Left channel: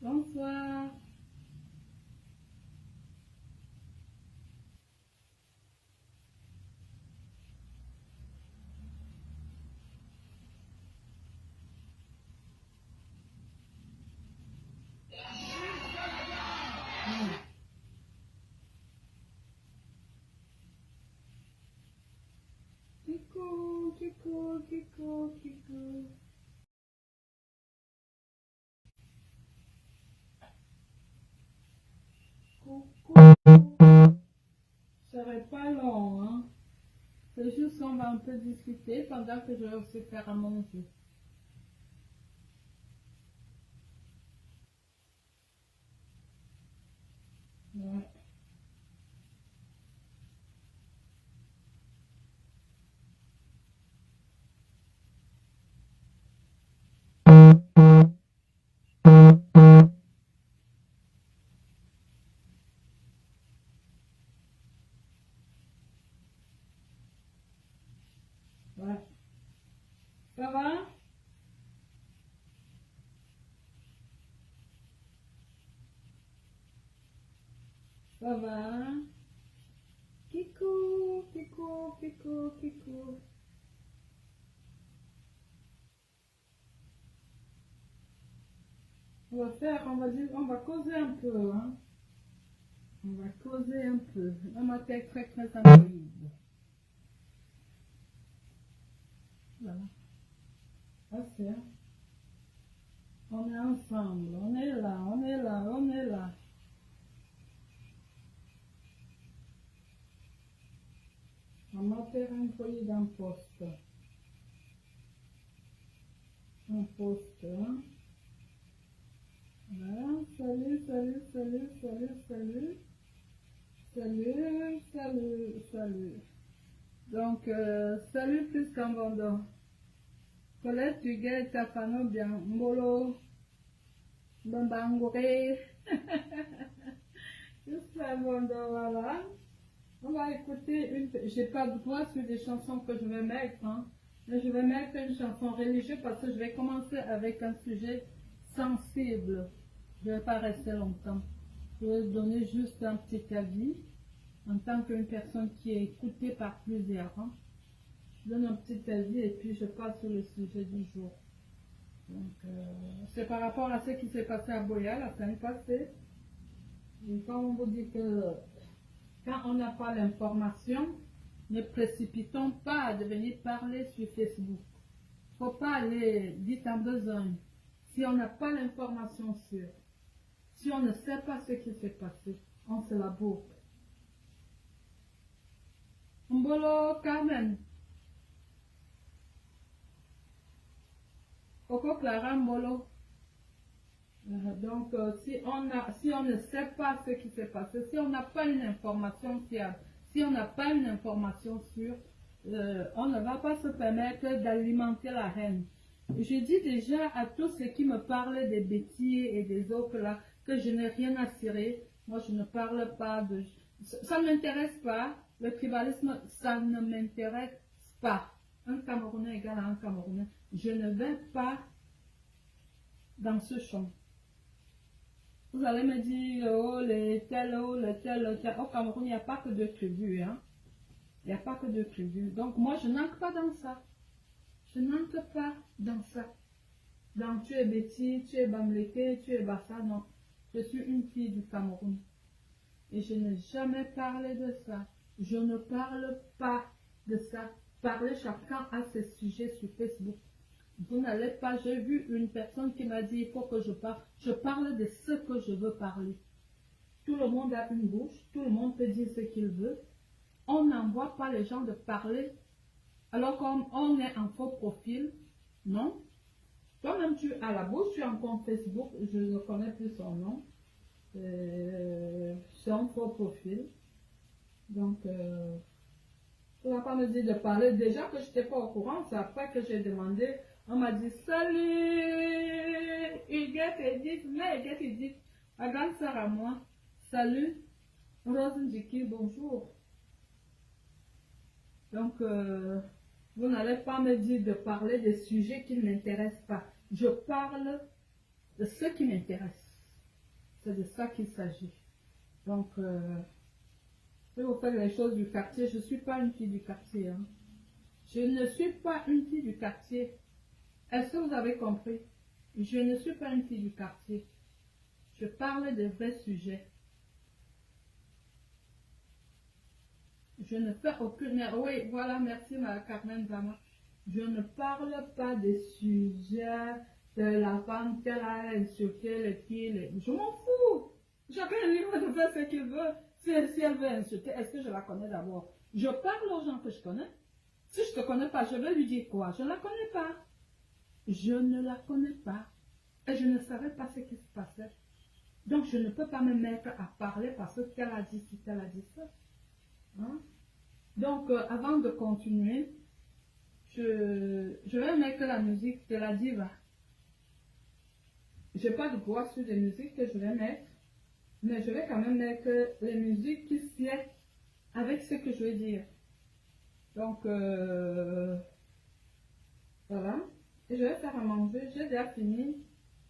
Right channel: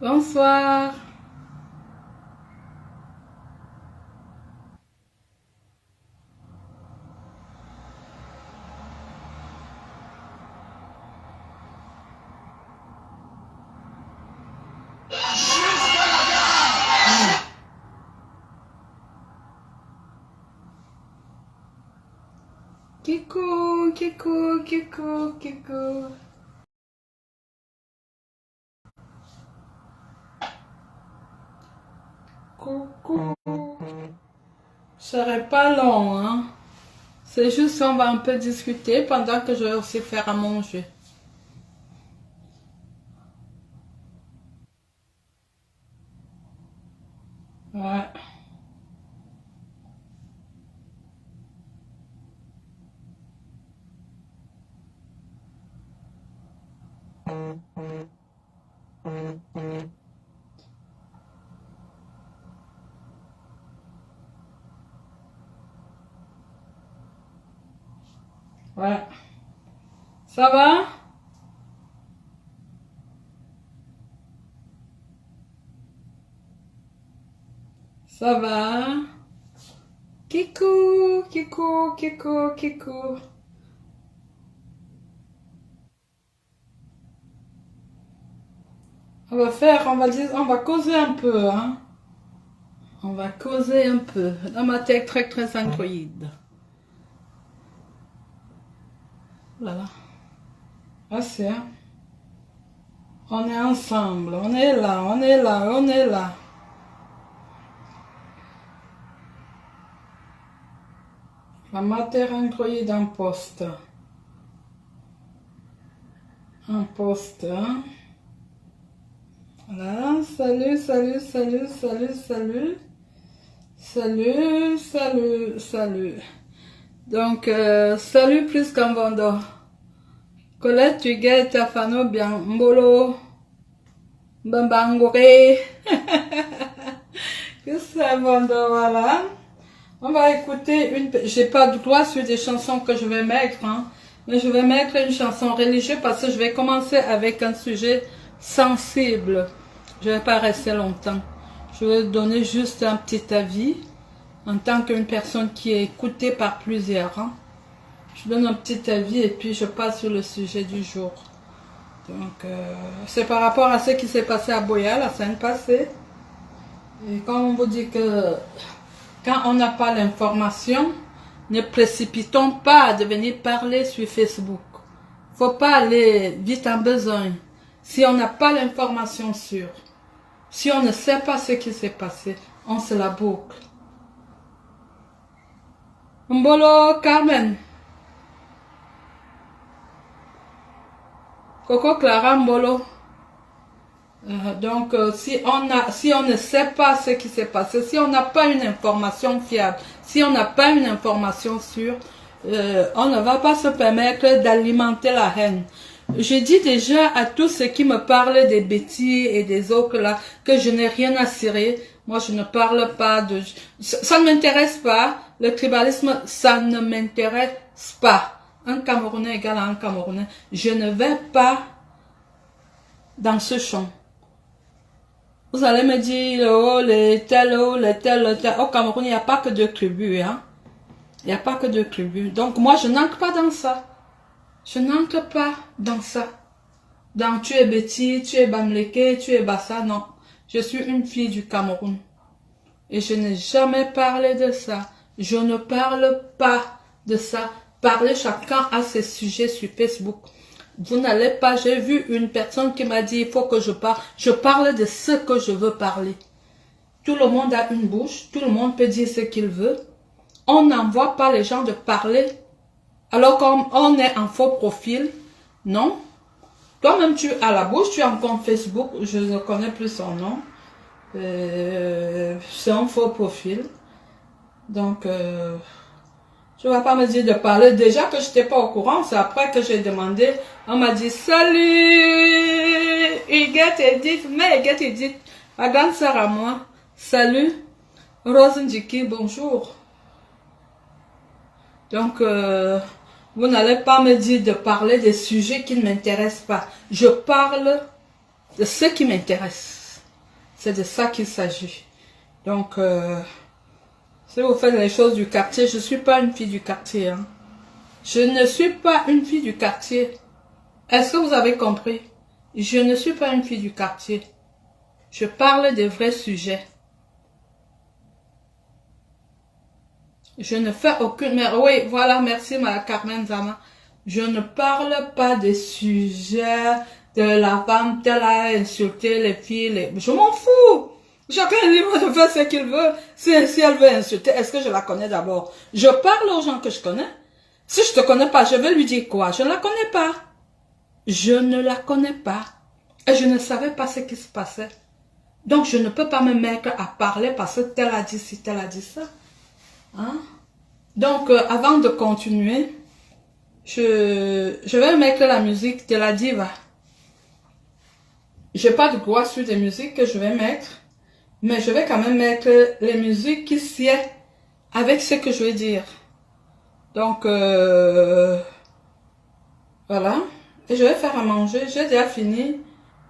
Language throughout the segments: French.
Bonsoir. Kikou, kikou, kikou, kikou. Coucou. Ce serait pas long, hein. C'est juste qu'on va un peu discuter pendant que je vais aussi faire à manger. Ouais. Ouais. Ça va? Ça va? Kikou, kikou, kikou, kikou. On va causer un peu, hein. On va causer un peu. Dans ma tête très androïde. Voilà. Ah, c'est, hein. On est ensemble. On est là, on est là, on est là. La matière androïde en poste. En poste, hein. Voilà. Salut, salut, salut, salut, salut. Salut, salut, salut. Donc, salut plus qu'un vendo. Colette, tu guettes ta fano bien. Mbolo. Mbambangoré. Que ça, vendo, voilà. On va écouter une... J'ai pas de droit sur des chansons que je vais mettre, hein. Mais je vais mettre une chanson religieuse parce que je vais commencer avec un sujet sensible. Je vais pas rester longtemps. Je vais donner juste un petit avis en tant qu'une personne qui est écoutée par plusieurs, hein. Je donne un petit avis et puis je passe sur le sujet du jour. Donc, c'est par rapport à ce qui s'est passé à Boya la semaine passée. Et quand on vous dit que quand on n'a pas l'information, ne précipitons pas de venir parler sur Facebook. Faut pas aller vite en besoin. Si on n'a pas l'information sûre, si on ne sait pas ce qui s'est passé, on se la boucle. Mbolo Carmen. Coco Clara Mbolo. Donc, si on ne sait pas ce qui s'est passé, si on n'a pas une information fiable, si on n'a pas une information sûre, on ne va pas se permettre d'alimenter la haine. Je dis déjà à tous ceux qui me parlent des bêtises et des autres là, que je n'ai rien à cirer. Moi, je ne parle pas de... Ça ne m'intéresse pas. Le tribalisme, ça ne m'intéresse pas. Un Camerounais égale à un Camerounais. Je ne vais pas dans ce champ. Vous allez me dire, oh, les tels, oh, les tels, les tels. Au Cameroun, il n'y a pas que deux tribus, hein. Il n'y a pas que deux tribus. Donc, moi, je n'entre pas dans ça. Je n'entre pas dans ça. Dans tu es Betty, tu es Bamleke, tu es Bassa, non. Je suis une fille du Cameroun. Et je n'ai jamais parlé de ça. Je ne parle pas de ça. Parlez chacun à ses sujets sur Facebook. Vous n'allez pas, j'ai vu une personne qui m'a dit, il faut que je parle. Je parle de ce que je veux parler. Tout le monde a une bouche, tout le monde peut dire ce qu'il veut. On n'envoie pas les gens de parler alors qu'on est en faux profil. Non. Toi-même, tu as la bouche, tu as un compte Facebook, je ne connais plus son nom. C'est un faux profil. Donc, tu ne vas pas me dire de parler. Déjà que je n'étais pas au courant, c'est après que j'ai demandé. On m'a dit, salut, Huguette Edith. Mais Huguette Edith, ma grande sœur à moi. Salut, Rose Ndjiki, bonjour. Donc, vous n'allez pas me dire de parler des sujets qui ne m'intéressent pas. Je parle de ce qui m'intéresse. C'est de ça qu'il s'agit. Donc, si vous faites les choses du quartier, je ne suis pas une fille du quartier. Hein. Je ne suis pas une fille du quartier. Est-ce que vous avez compris? Je ne suis pas une fille du quartier. Je parle des vrais sujets. Je ne fais aucune... Mais oui, voilà, merci ma Carmen Zama. Je ne parle pas des sujets de la femme telle a insulté les filles. Je m'en fous. Chacun est libre de faire ce qu'il veut. Si elle veut insulter, est-ce que je la connais d'abord? Je parle aux gens que je connais. Si je ne te connais pas, je vais lui dire quoi? Je ne la connais pas. Je ne la connais pas. Et je ne savais pas ce qui se passait. Donc, je ne peux pas me mettre à parler parce que tel a dit ci, tel a dit ça. Hein? Donc, avant de continuer, je vais mettre la musique de la diva. Je n'ai pas de droit sur des musiques que je vais mettre, mais je vais quand même mettre les musiques qui sied avec ce que je vais dire. Donc, voilà. Et je vais faire à manger. J'ai déjà fini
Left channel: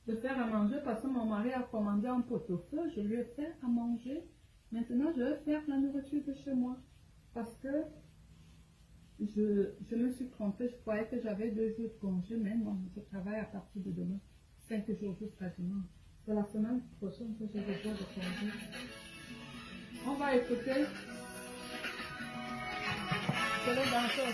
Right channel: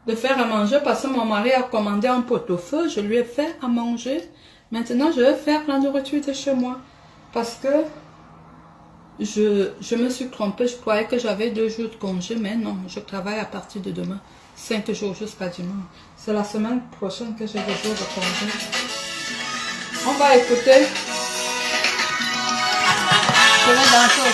de faire à manger parce que mon mari a commandé un pot-au-feu. Je lui ai fait à manger. Maintenant, je vais faire la nourriture de chez moi. Parce que je me suis trompée. Je croyais que j'avais 2 jours de congé. Mais non, je travaille à partir de demain. 5 jours jusqu'à dimanche. C'est la semaine prochaine que j'ai 2 jours de congé. On va écouter. Je vais danser.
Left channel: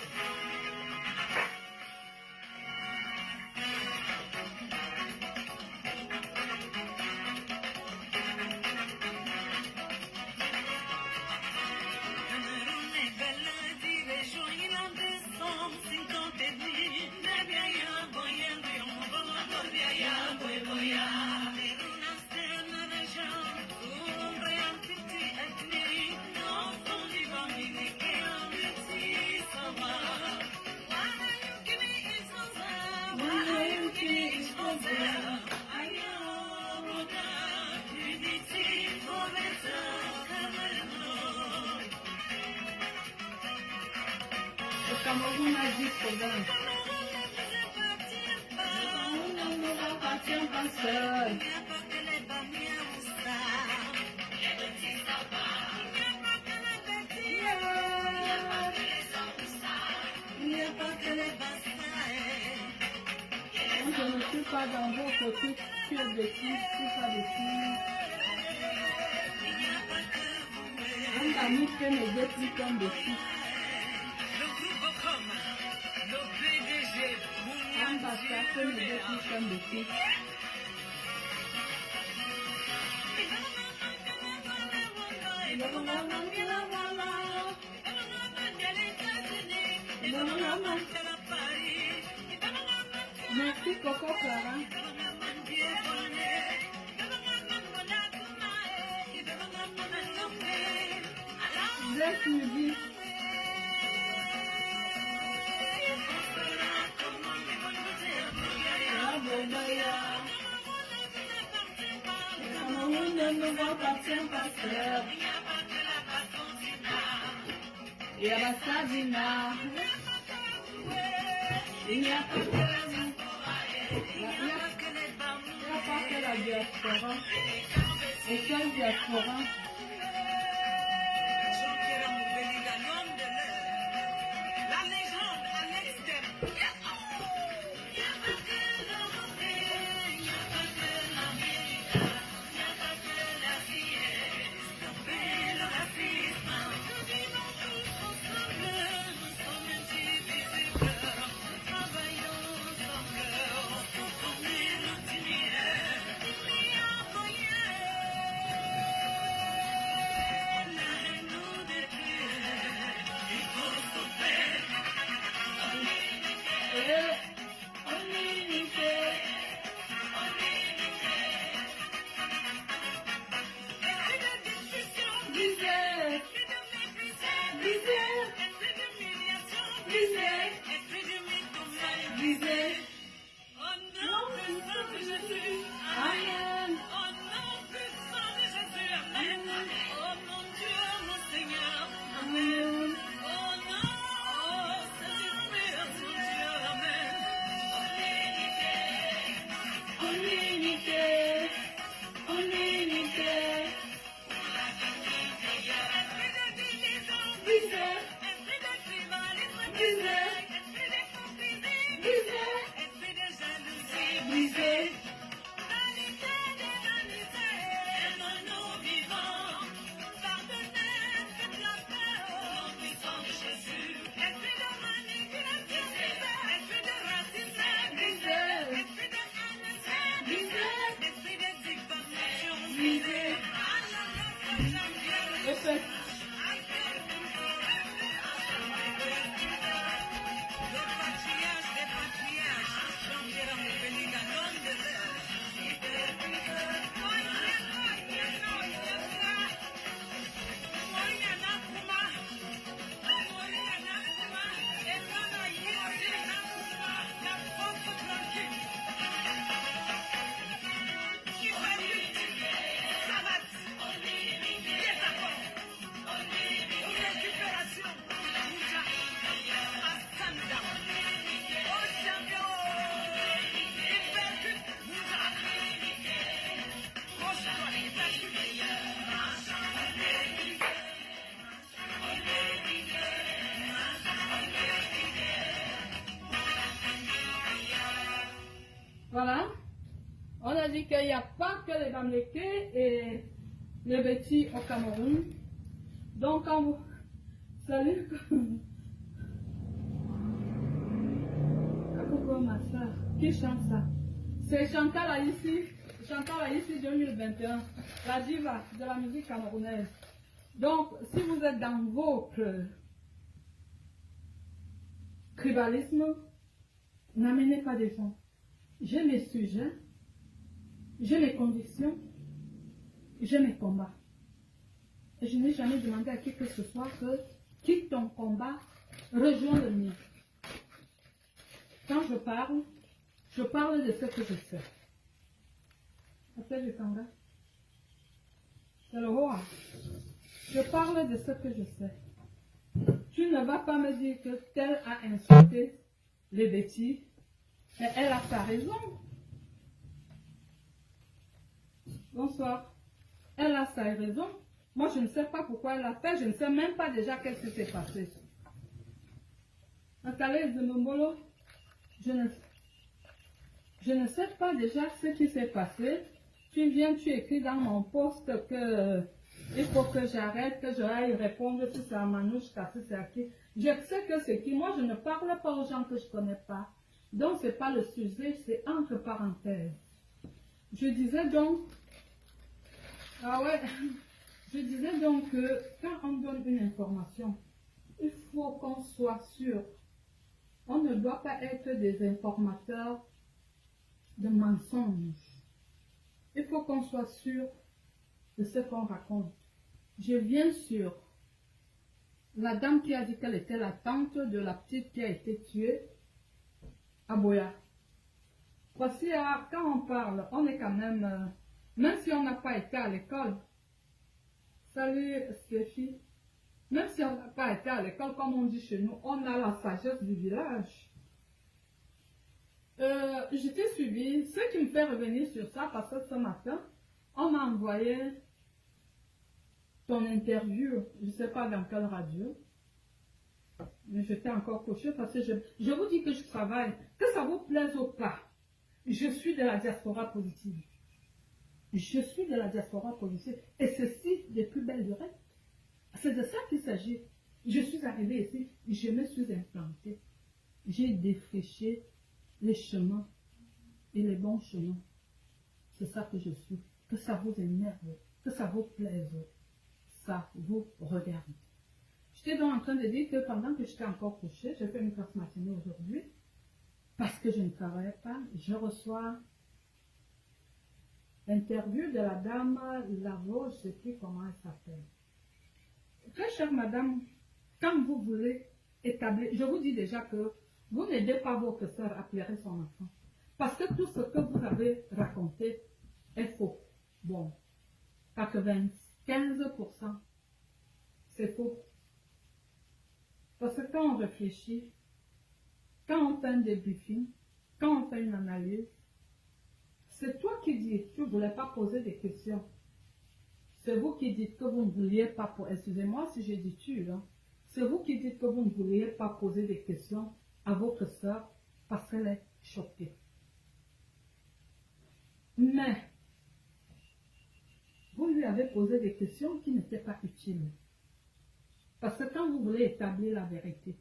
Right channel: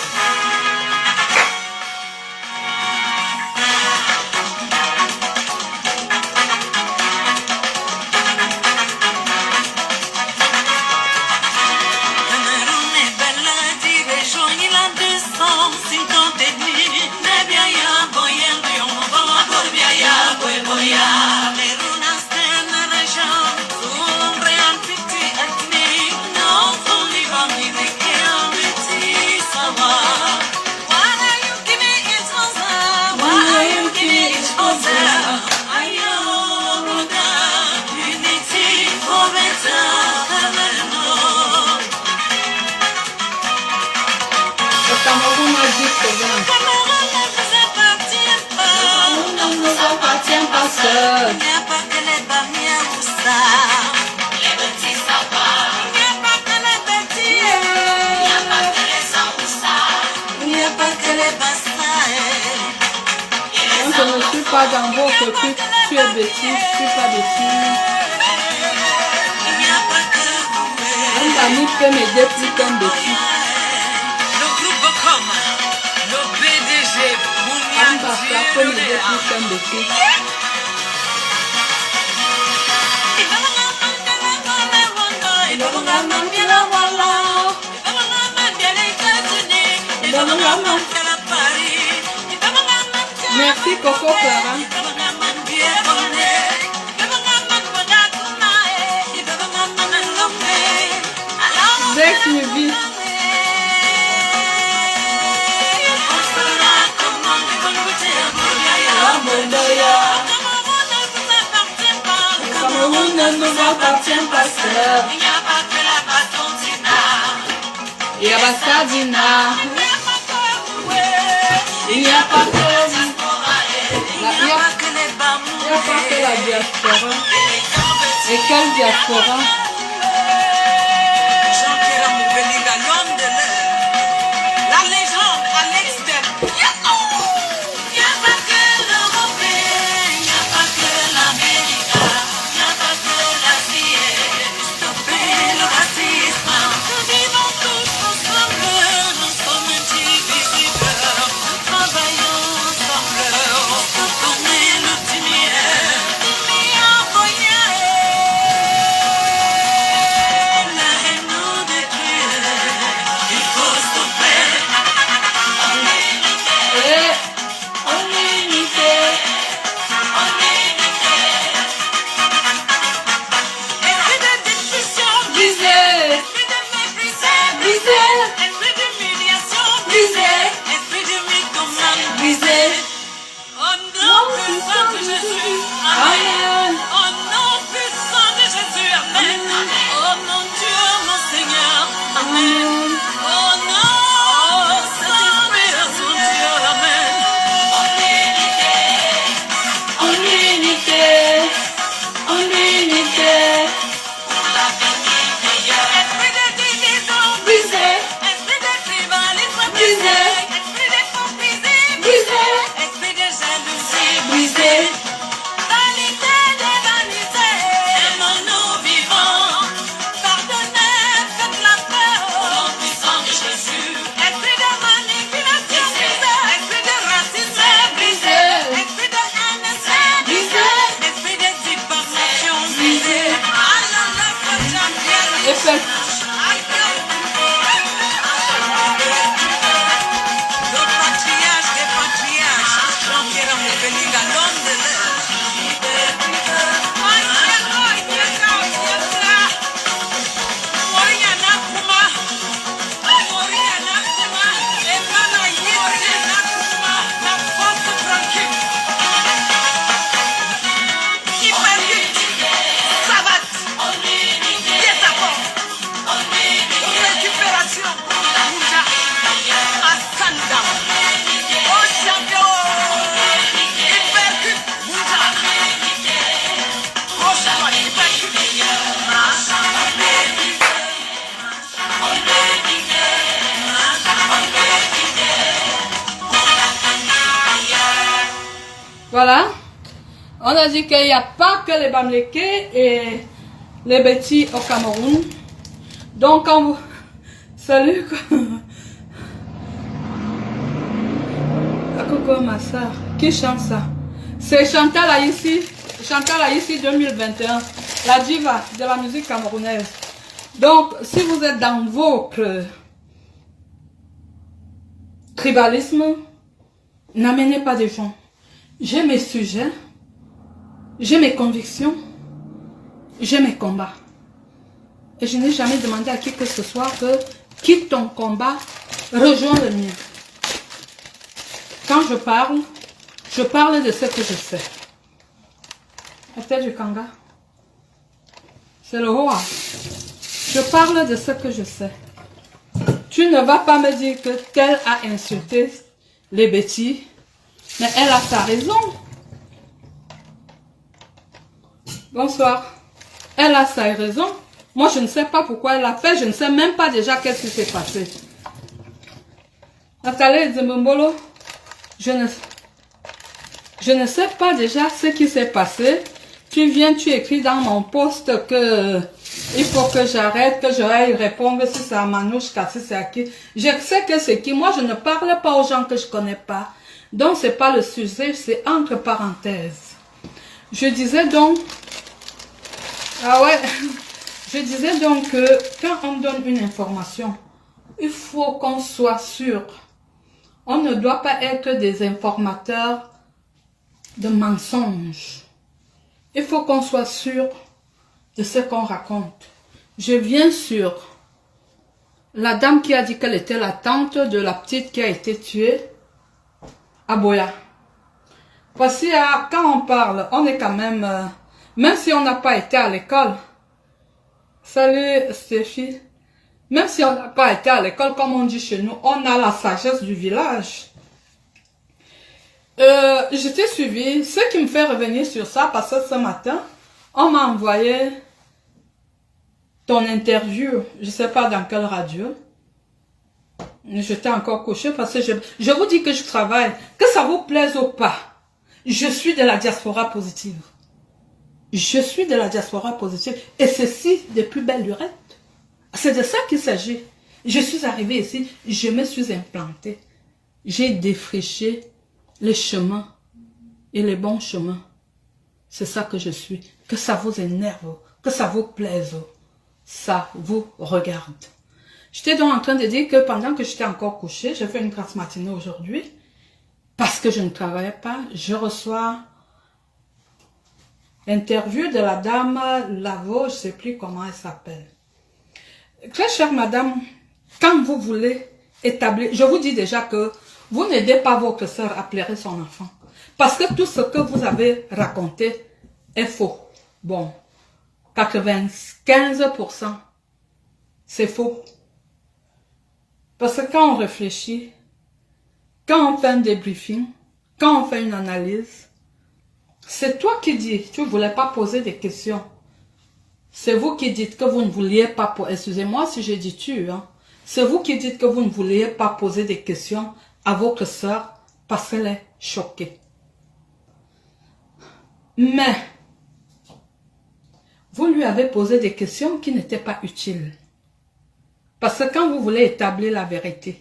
Je ne suis pas dans votre truc, tu es bêtise, tu es pas bêtise. Un ami peut m'aider plus qu'un bêtise. Le groupe comme le PDG Un bâtard peut m'aider plus qu'un bêtise. Merci Coco Clara. Next movie. Cameroun ne nous appartient pas seul. Il n'y a pas Sadina. Il n'y a pas que la diaspora. Et quelle diaspora? La légende Alex Del. Il n'y a pas que l'Européen, il n'y a pas que l'Américain, il n'y a pas que l'Asie. Stopper le racisme. Nous vivons tous ensemble, nous sommes indivisibles. Nous travaillons ensemble pour donner le lumière. La haine nous détruit. Il faut stopper. fait. Voilà, on a dit qu'il n'y a pas que les Bamileke et les Betty au Cameroun. Donc, quand vous... Salut. Coucou ma soeur. Qui chante ça? C'est Chantal Aïssi. Chantal Aïssi 2021. La diva de la musique camerounaise. Donc, si vous êtes dans votre tribalisme, n'amenez pas des gens. J'ai mes sujets, j'ai mes convictions, j'ai mes combats. Et je n'ai jamais demandé à qui que ce soit que quitte ton combat, rejoins le mien. Quand je parle de ce que je sais. La tête du Kanga. C'est le Hoa. Je parle de ce que je sais. Tu ne vas pas me dire que tel a insulté les Betty. Mais elle a sa raison. Bonsoir. Elle a sa raison. Moi, je ne sais pas pourquoi elle l'a fait. Je ne sais même pas déjà qu'est-ce qui s'est passé. Nathalie Zimbombolo, je ne sais pas déjà ce qui s'est passé. Tu viens, tu écris dans mon post que il faut que j'arrête, que j'aille répondre si c'est à Manouchka, si c'est à qui. Je sais que c'est qui. Moi, je ne parle pas aux gens que je ne connais pas. Donc, ce n'est pas le sujet, c'est entre parenthèses. Je disais donc... Ah ouais. Je disais donc que quand on donne une information, il faut qu'on soit sûr. On ne doit pas être des informateurs de mensonges. Il faut qu'on soit sûr de ce qu'on raconte. Je viens sur la dame qui a dit qu'elle était la tante de la petite qui a été tuée à Boya. Voici, quand on parle, on est quand même... même si on n'a pas été à l'école. Salut Stéphie. Même si on n'a pas été à l'école, comme on dit chez nous, on a la sagesse du village. Je t'ai suivi. Ce qui me fait revenir sur ça, parce que ce matin, on m'a envoyé ton interview. Je ne sais pas dans quelle radio. J'étais encore couchée parce que je vous dis que je travaille. Que ça vous plaise ou pas, je suis de la diaspora positive. Je suis de la diaspora positive. Et ceci de plus belle lurette. C'est de ça qu'il s'agit. Je suis arrivée ici, je me suis implantée. J'ai défriché les chemins et les bons chemins. C'est ça que je suis. Que ça vous énerve, que ça vous plaise, ça vous regarde. J'étais donc en train de dire que pendant que j'étais encore couchée, j'ai fait une grasse matinée aujourd'hui, parce que je ne travaillais pas, je reçois l'interview de la dame Lavo, je ne sais plus comment elle s'appelle. Très chère madame, quand vous voulez établir, je vous dis déjà que vous n'aidez pas votre soeur à pleurer son enfant. Parce que tout ce que vous avez raconté est faux. Bon, 95%, c'est faux. Parce que quand on réfléchit, quand on fait un débriefing, quand on fait une analyse, c'est toi qui dis, tu ne voulais pas poser des questions. C'est vous qui dites que vous ne vouliez pas poser, excusez-moi si je dis tu, hein. C'est vous qui dites que vous ne vouliez pas poser des questions à votre soeur parce qu'elle est choquée. Mais, vous lui avez posé des questions qui n'étaient pas utiles. Parce que quand vous voulez établir la vérité,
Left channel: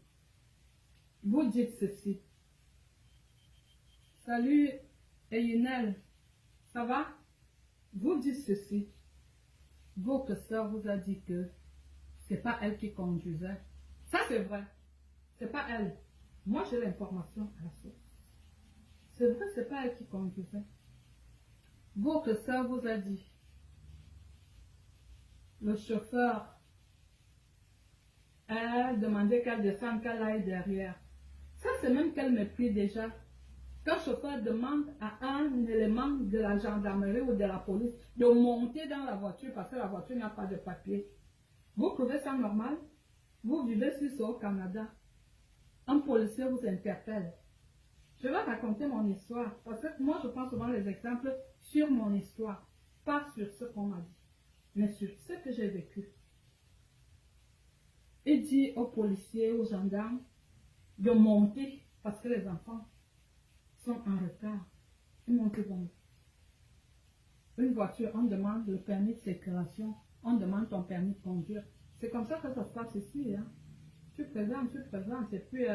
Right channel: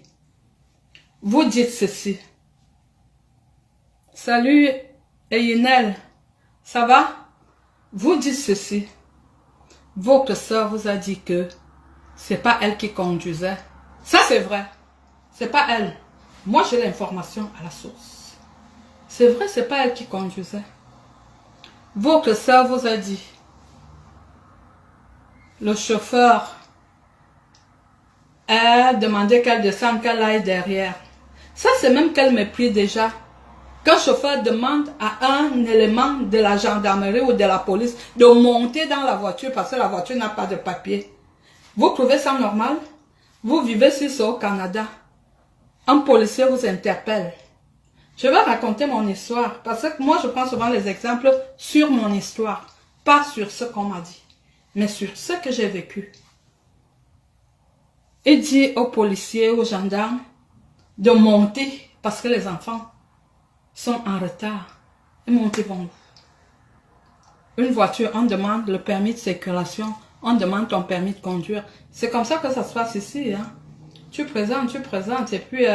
vous dites ceci. Salut, Eyinel, ça va? Vous dites ceci. Votre soeur vous a dit que c'est pas elle qui conduisait. Ça, c'est vrai. C'est pas elle. Moi, j'ai l'information à la source. C'est vrai, c'est pas elle qui conduisait. Votre sœur vous a dit, le chauffeur a demandé qu'elle descende, qu'elle aille derrière. Ça, c'est même qu'elle méprise déjà. Quand le chauffeur demande à un élément de la gendarmerie ou de la police de monter dans la voiture parce que la voiture n'a pas de papier, vous trouvez ça normal? Vous vivez sur ça au Canada. Un policier vous interpelle. Je vais raconter mon histoire parce que moi, je prends souvent les exemples sur mon histoire, pas sur ce qu'on m'a dit, mais sur ce que j'ai vécu. Il dit aux policiers, aux gendarmes de monter parce que les enfants sont en retard. Et monter vont. Une voiture, on demande le permis de circulation, on demande ton permis de conduire. C'est comme ça que ça se passe ici. Hein? Tu présentes, et puis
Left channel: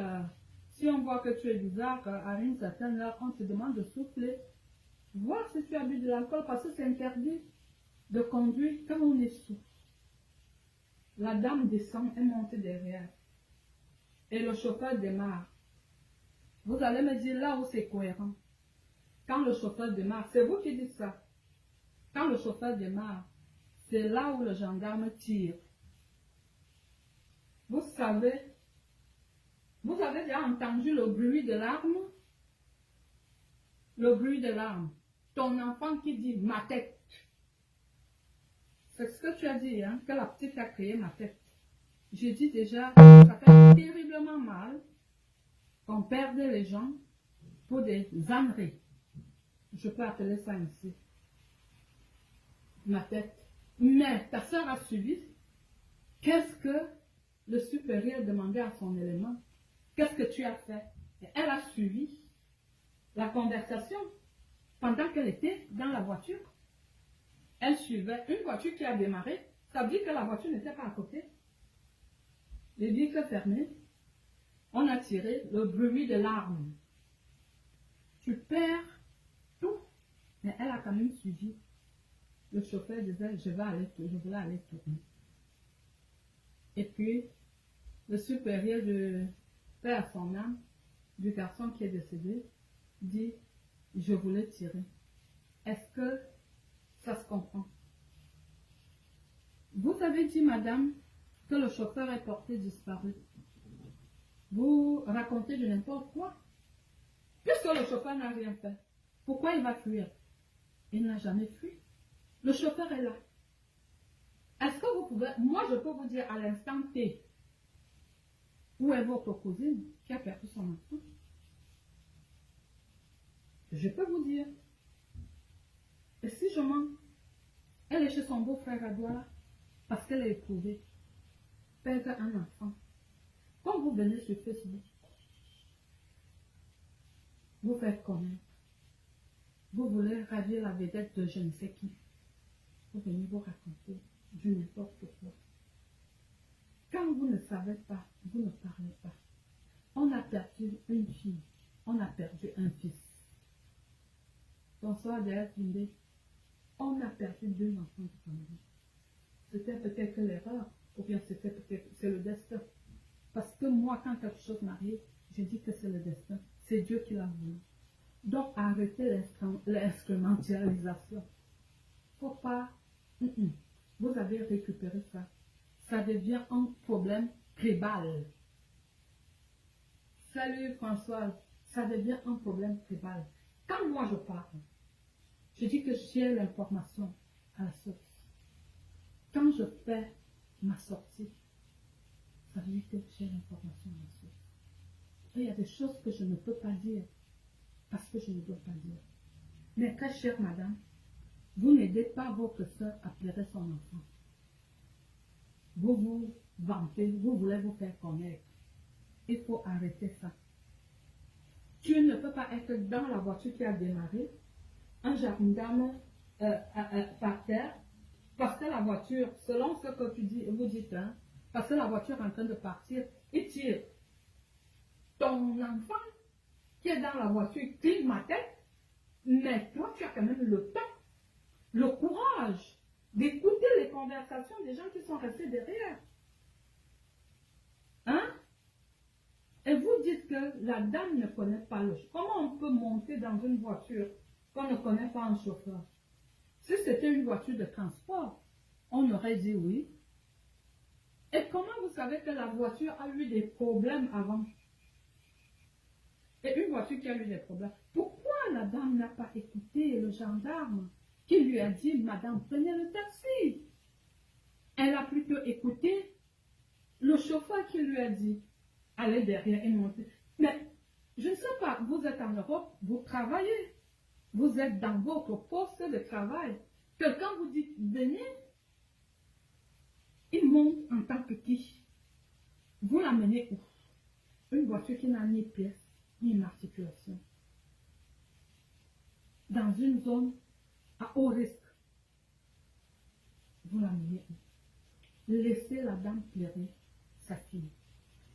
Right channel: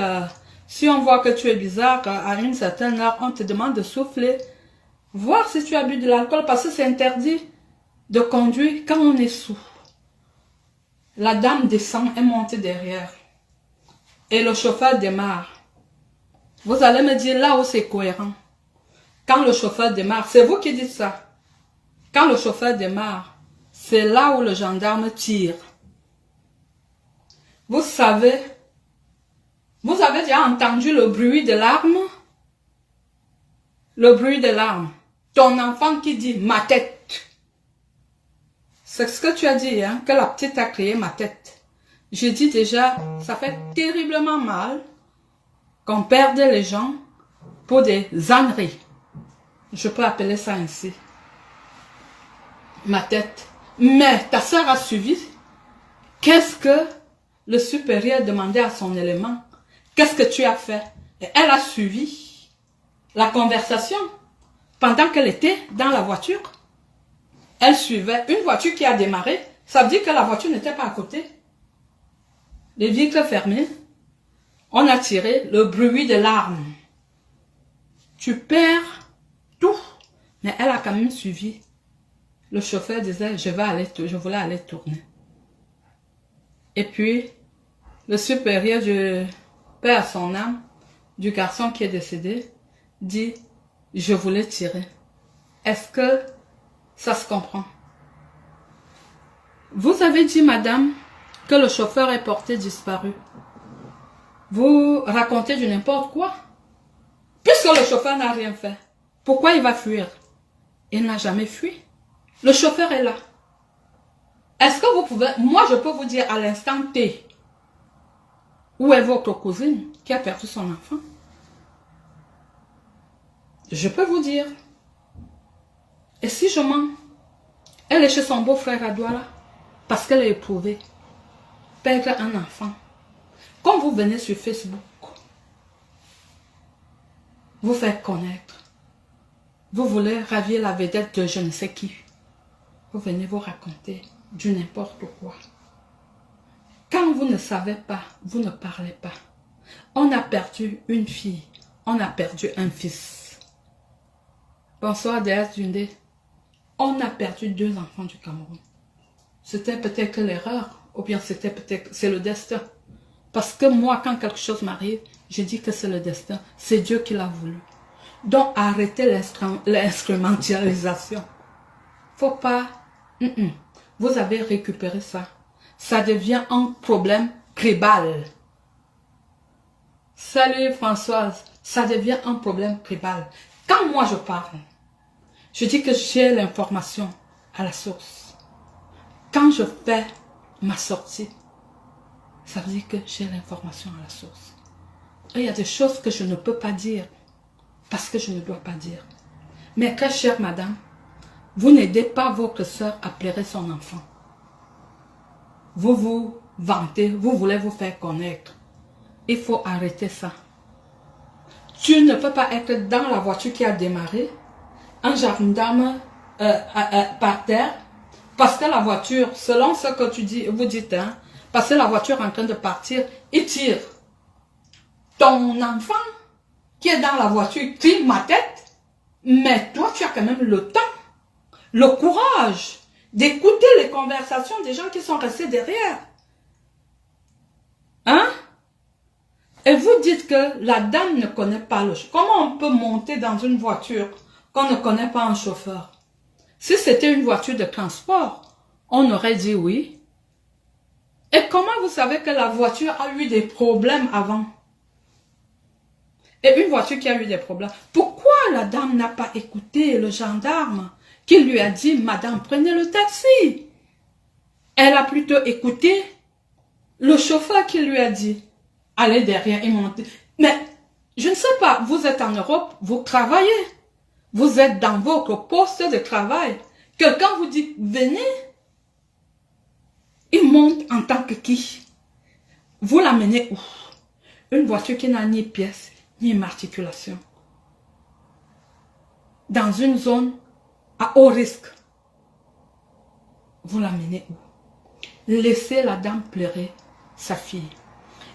si on voit que tu es bizarre, à une certaine heure, on te demande de souffler. Voir si tu as bu de l'alcool, parce que c'est interdit de conduire quand on est sous. La dame descend et monte derrière. Et le chauffeur démarre. Vous allez me dire là où c'est cohérent. Quand le chauffeur démarre, c'est vous qui dites ça. Quand le chauffeur démarre, c'est là où le gendarme tire. Vous savez, vous avez déjà entendu le bruit de l'arme? Le bruit de l'arme. Ton enfant qui dit ma tête. C'est ce que tu as dit, hein, que la petite a créé ma tête. J'ai dit déjà, ça fait terriblement mal qu'on perde les gens pour des âneries. Je peux appeler ça ainsi. Ma tête. Mais ta soeur a suivi. Qu'est-ce que le supérieur demandait à son élément? Qu'est-ce que tu as fait? Et elle a suivi la conversation pendant qu'elle était dans la voiture. Elle suivait une voiture qui a démarré. Ça veut dire que la voiture n'était pas à côté. Les vitres fermées. On a tiré le bruit de l'arme. Tu perds tout. Mais elle a quand même suivi. Le chauffeur disait, je voulais aller tourner. Et puis, le supérieur du père à son âme, du garçon qui est décédé, dit, je voulais tirer. Est-ce que ça se comprend? Vous avez dit, madame, que le chauffeur est porté disparu. Vous racontez du n'importe quoi. Puisque le chauffeur n'a rien fait, pourquoi il va fuir? Il n'a jamais fui. Le chauffeur est là. Est-ce que vous pouvez... Moi, je peux vous dire à l'instant T, où est votre cousine qui a perdu son enfant? Je peux vous dire. Et si je mens? Elle est chez son beau-frère à Douala parce qu'elle est éprouvée. Perdre un enfant. Quand vous venez sur Facebook, vous faites connaître. Vous voulez ravir la vedette de je ne sais qui. Vous venez vous raconter du n'importe quoi. Quand vous ne savez pas, vous ne parlez pas. On a perdu une fille. On a perdu un fils. Bonsoir Déesse Dundé. On a perdu 2 enfants du Cameroun. C'était peut-être l'erreur. Ou bien c'était peut-être... C'est le destin. Parce que moi, quand quelque chose m'arrive, je dis que c'est le destin. C'est Dieu qui l'a voulu. Donc, arrêtez l'instrumentalisation. Faut pas... Vous avez récupéré ça. Ça devient un problème tribal. Salut Françoise. Ça devient un problème tribal. Quand moi je parle, je dis que j'ai l'information à la source. Quand je fais ma sortie, ça veut dire que j'ai l'information à la source. Et il y a des choses que je ne peux pas dire parce que je ne dois pas dire. Mais très chère madame, vous n'aidez pas votre soeur à pleurer son enfant. Vous vous vantez, vous voulez vous faire connaître. Il faut arrêter ça. Tu ne peux pas être dans la voiture qui a démarré, un gendarme par terre, parce que la voiture, selon ce que tu dis, vous dites, hein, parce que la voiture est en train de partir, il tire. Ton enfant qui est dans la voiture crie ma tête, mais toi tu as quand même le temps, le courage d'écouter les conversations des gens qui sont restés derrière. Et vous dites que la dame ne connaît pas le chauffeur. Comment on peut monter dans une voiture qu'on ne connaît pas un chauffeur? Si c'était une voiture de transport, on aurait dit oui. Et comment vous savez que la voiture a eu des problèmes avant? Et une voiture qui a eu des problèmes. Pourquoi la dame n'a pas écouté le gendarme qui lui a dit, madame, prenez le taxi? Elle a plutôt écouté le chauffeur qui lui a dit, allez derrière et montez. Mais je ne sais pas, vous êtes en Europe, vous travaillez. Vous êtes dans votre poste de travail. Quelqu'un vous dit, venez. Il monte en tant que qui? Vous l'amenez où? Une voiture qui n'a ni pièce, ni immatriculation. Dans une zone à haut risque. Vous l'amenez où? Laissez la dame pleurer sa fille.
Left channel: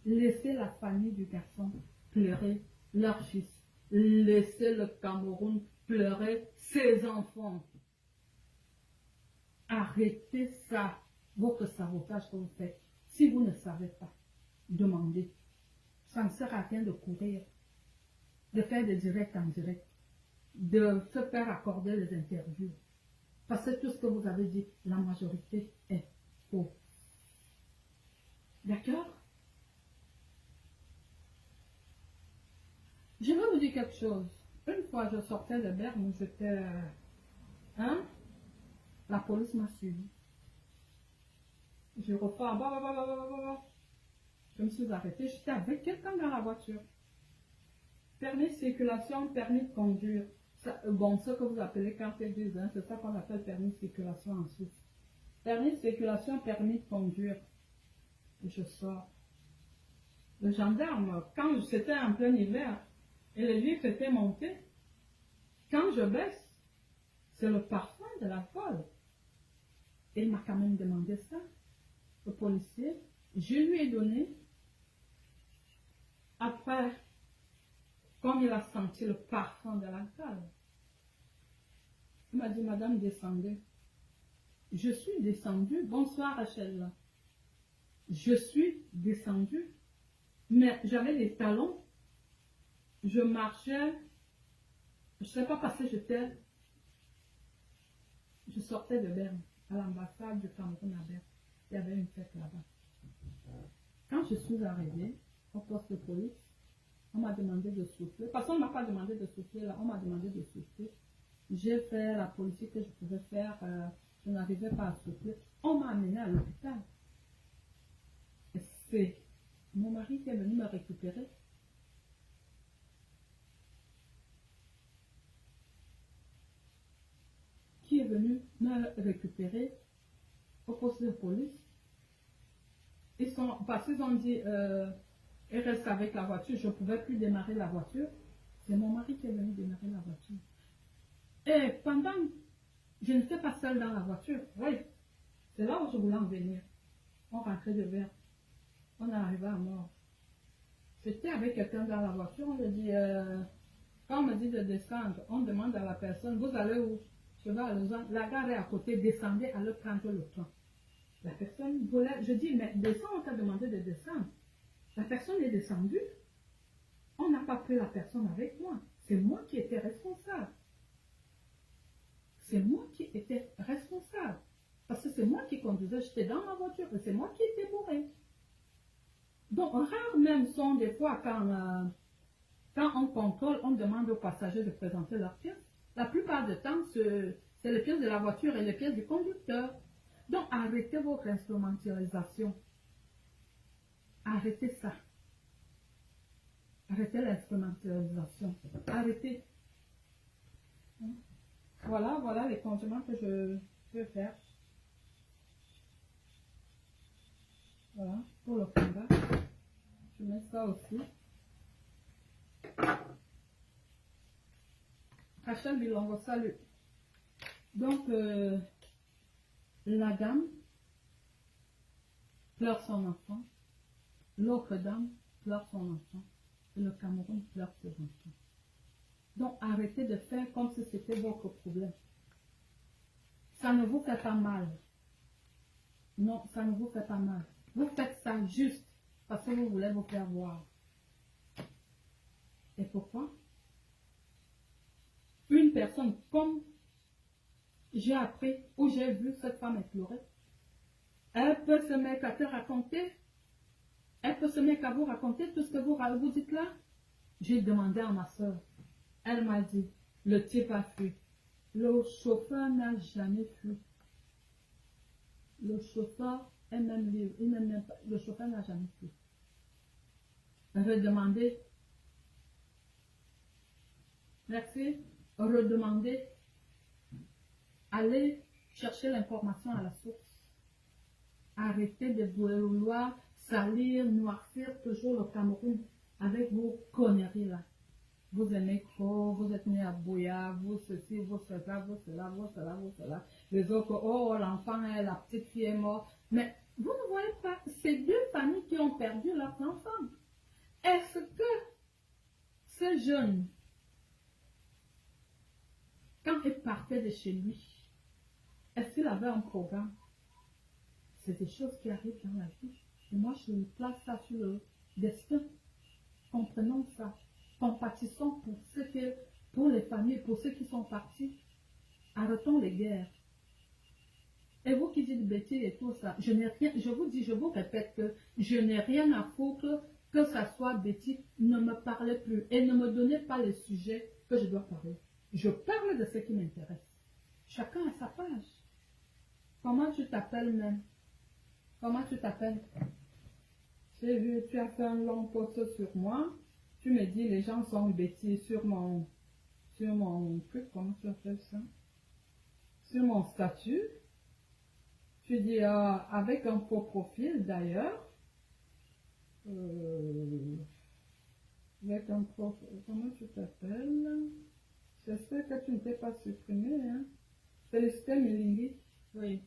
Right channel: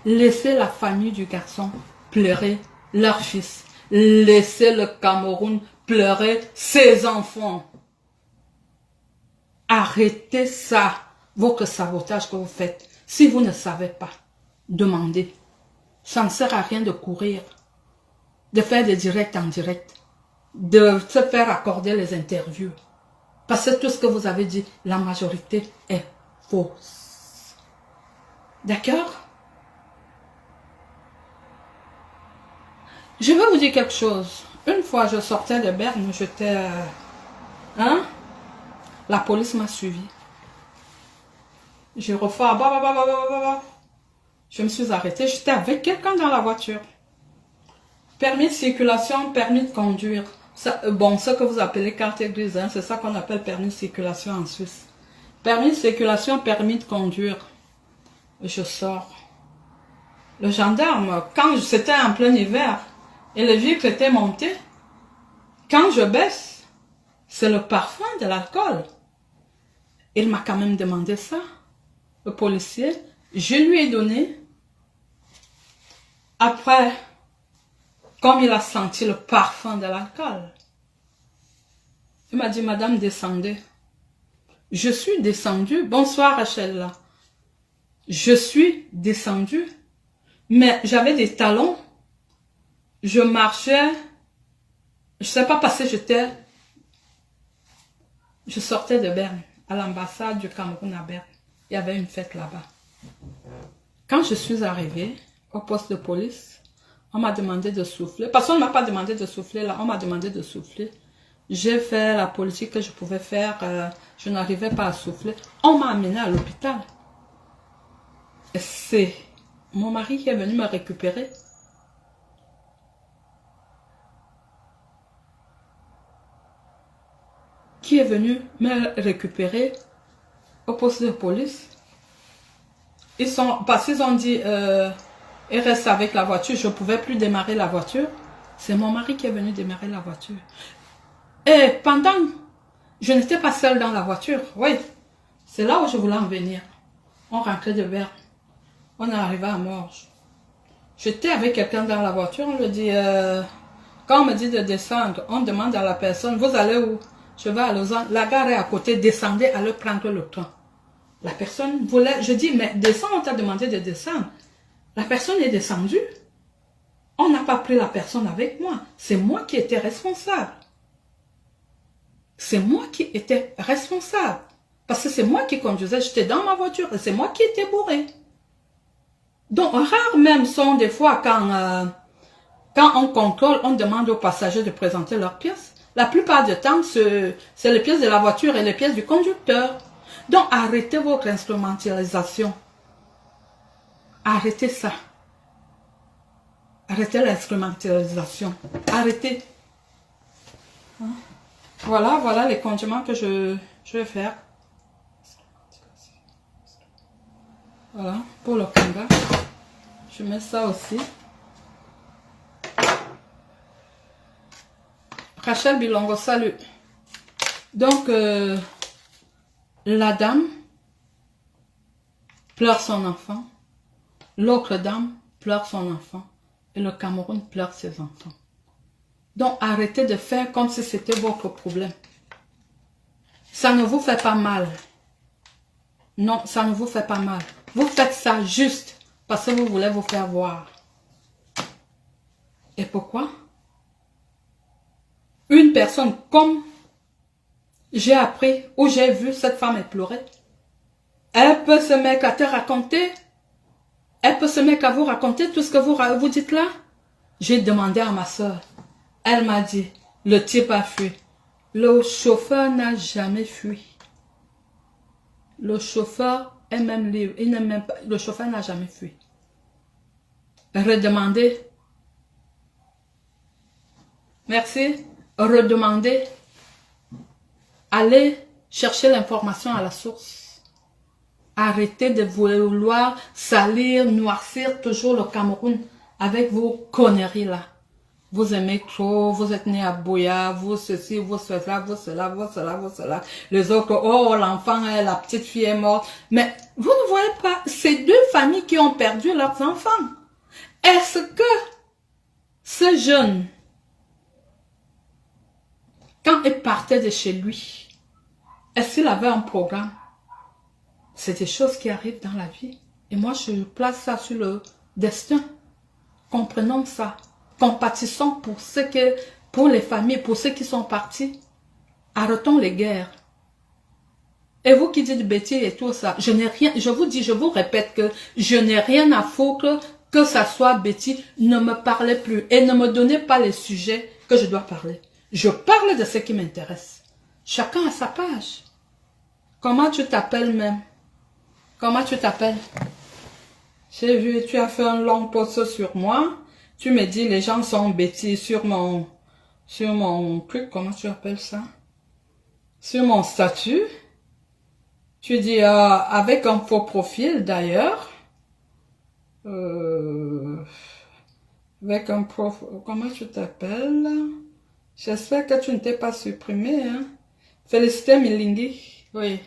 Laissez la famille du garçon pleurer leur fils. Laissez le Cameroun pleurer ses enfants. Arrêtez ça, votre sabotage que vous faites. Si vous ne savez pas, demandez. Ça ne sert à rien de courir, de faire des directs en direct, de se faire accorder les interviews. Parce que tout ce que vous avez dit, la majorité est fausse. D'accord? Je veux vous dire quelque chose. Une fois, je sortais de Berne, j'étais... La police m'a suivi. Je refais... Je me suis arrêtée. J'étais avec quelqu'un dans la voiture. Permis de circulation, permis de conduire. Ça, bon, ce que vous appelez carte grise, hein, c'est ça qu'on appelle permis de circulation en Suisse. Permis de circulation, permis de conduire. Je sors. Le gendarme, quand c'était en plein hiver, et le vieux était monté, quand je baisse, c'est le parfum de l'alcool. Il m'a quand même demandé ça, le policier. Je lui ai donné. Après, comme il a senti le parfum de l'alcool, il m'a dit, madame, descendez. Je suis descendue. Bonsoir, Rachel. Je suis descendue, mais j'avais des talons. Je marchais, je ne sais pas parce que je sortais de Berne, à l'ambassade du Cameroun à Berne. Il y avait une fête là-bas. Quand je suis arrivée au poste de police, on m'a demandé de souffler. Parce qu'on ne m'a pas demandé de souffler là, on m'a demandé de souffler. J'ai fait la politique que je pouvais faire, je n'arrivais pas à souffler. On m'a amené à l'hôpital. C'est mon mari qui est venu me récupérer. Qui est venu me récupérer au poste de police. Parce qu'ils ont dit, il reste avec la voiture, je ne pouvais plus démarrer la voiture. C'est mon mari qui est venu démarrer la voiture. Et pendant, je n'étais pas seule dans la voiture, oui. C'est là où je voulais en venir. On rentrait de Berne. On est arrivé à Morges. J'étais avec quelqu'un dans la voiture, on lui dit, quand on me dit de descendre, on demande à la personne, vous allez où? Je vais à Lausanne, la gare est à côté, descendez, allez prendre le train. La personne voulait, je dis, mais descends, on t'a demandé de descendre. La personne est descendue. On n'a pas pris la personne avec moi. C'est moi qui étais responsable. C'est moi qui étais responsable. Parce que c'est moi qui conduisais, j'étais dans ma voiture et c'est moi qui étais bourré. Donc, rares même sont des fois quand on contrôle, on demande aux passagers de présenter leurs pièces. La plupart du temps, c'est les pièces de la voiture et les pièces du conducteur. Donc, arrêtez votre instrumentalisation. Arrêtez ça. Arrêtez l'instrumentalisation. Arrêtez. Voilà les condiments que je vais faire. Voilà, pour le kanga. Je mets ça aussi. Rachel Bilongo, salut. Donc, la dame pleure son enfant. L'autre dame pleure son enfant. Et le Cameroun pleure ses enfants. Donc, arrêtez de faire comme si c'était votre problème. Ça ne vous fait pas mal. Non, ça ne vous fait pas mal. Vous faites ça juste parce que vous voulez vous faire voir. Et pourquoi? Une personne comme j'ai appris ou j'ai vu cette femme pleurer, elle peut se mettre à te raconter, elle peut se mettre à vous raconter tout ce que vous dites là. J'ai demandé à ma soeur, elle m'a dit, le type a fui. Le chauffeur n'a jamais fui. Le chauffeur est même libre, il n'aime même pas, le chauffeur n'a jamais fui. Redemander. Merci. Redemander. Allez chercher l'information à la source. Arrêtez de vouloir salir, noircir toujours le Cameroun avec vos conneries là. Vous aimez trop, vous êtes né à Boya, vous ceci, vous cela, vous cela, vous cela, vous cela. Les autres, oh l'enfant, la petite fille est morte. Mais vous ne voyez pas, ces deux familles qui ont perdu leurs enfants. Est-ce que ce jeune, quand il partait de chez lui, est-ce qu'il avait un programme? C'est des choses qui arrivent dans la vie. Et moi, je place ça sur le destin. Comprenons ça. Compatissons pour les familles, pour ceux qui sont partis. Arrêtons les guerres. Et vous qui dites bêtises et tout ça, je n'ai rien, je vous dis, je vous répète que je n'ai rien à foutre que ça soit bêtise. Ne me parlez plus et ne me donnez pas les sujets que je dois parler. Je parle de ce qui m'intéresse. Chacun a sa page. Comment tu t'appelles même? Comment tu t'appelles? J'ai vu, tu as fait un long post sur moi. Tu me dis, les gens sont bêtises sur mon truc, comment tu appelles ça? Sur mon statut. Tu dis, avec un faux profil d'ailleurs. Avec un profil, comment tu t'appelles? J'espère que tu ne t'es pas supprimé, hein? Félicité Milingi. Oui.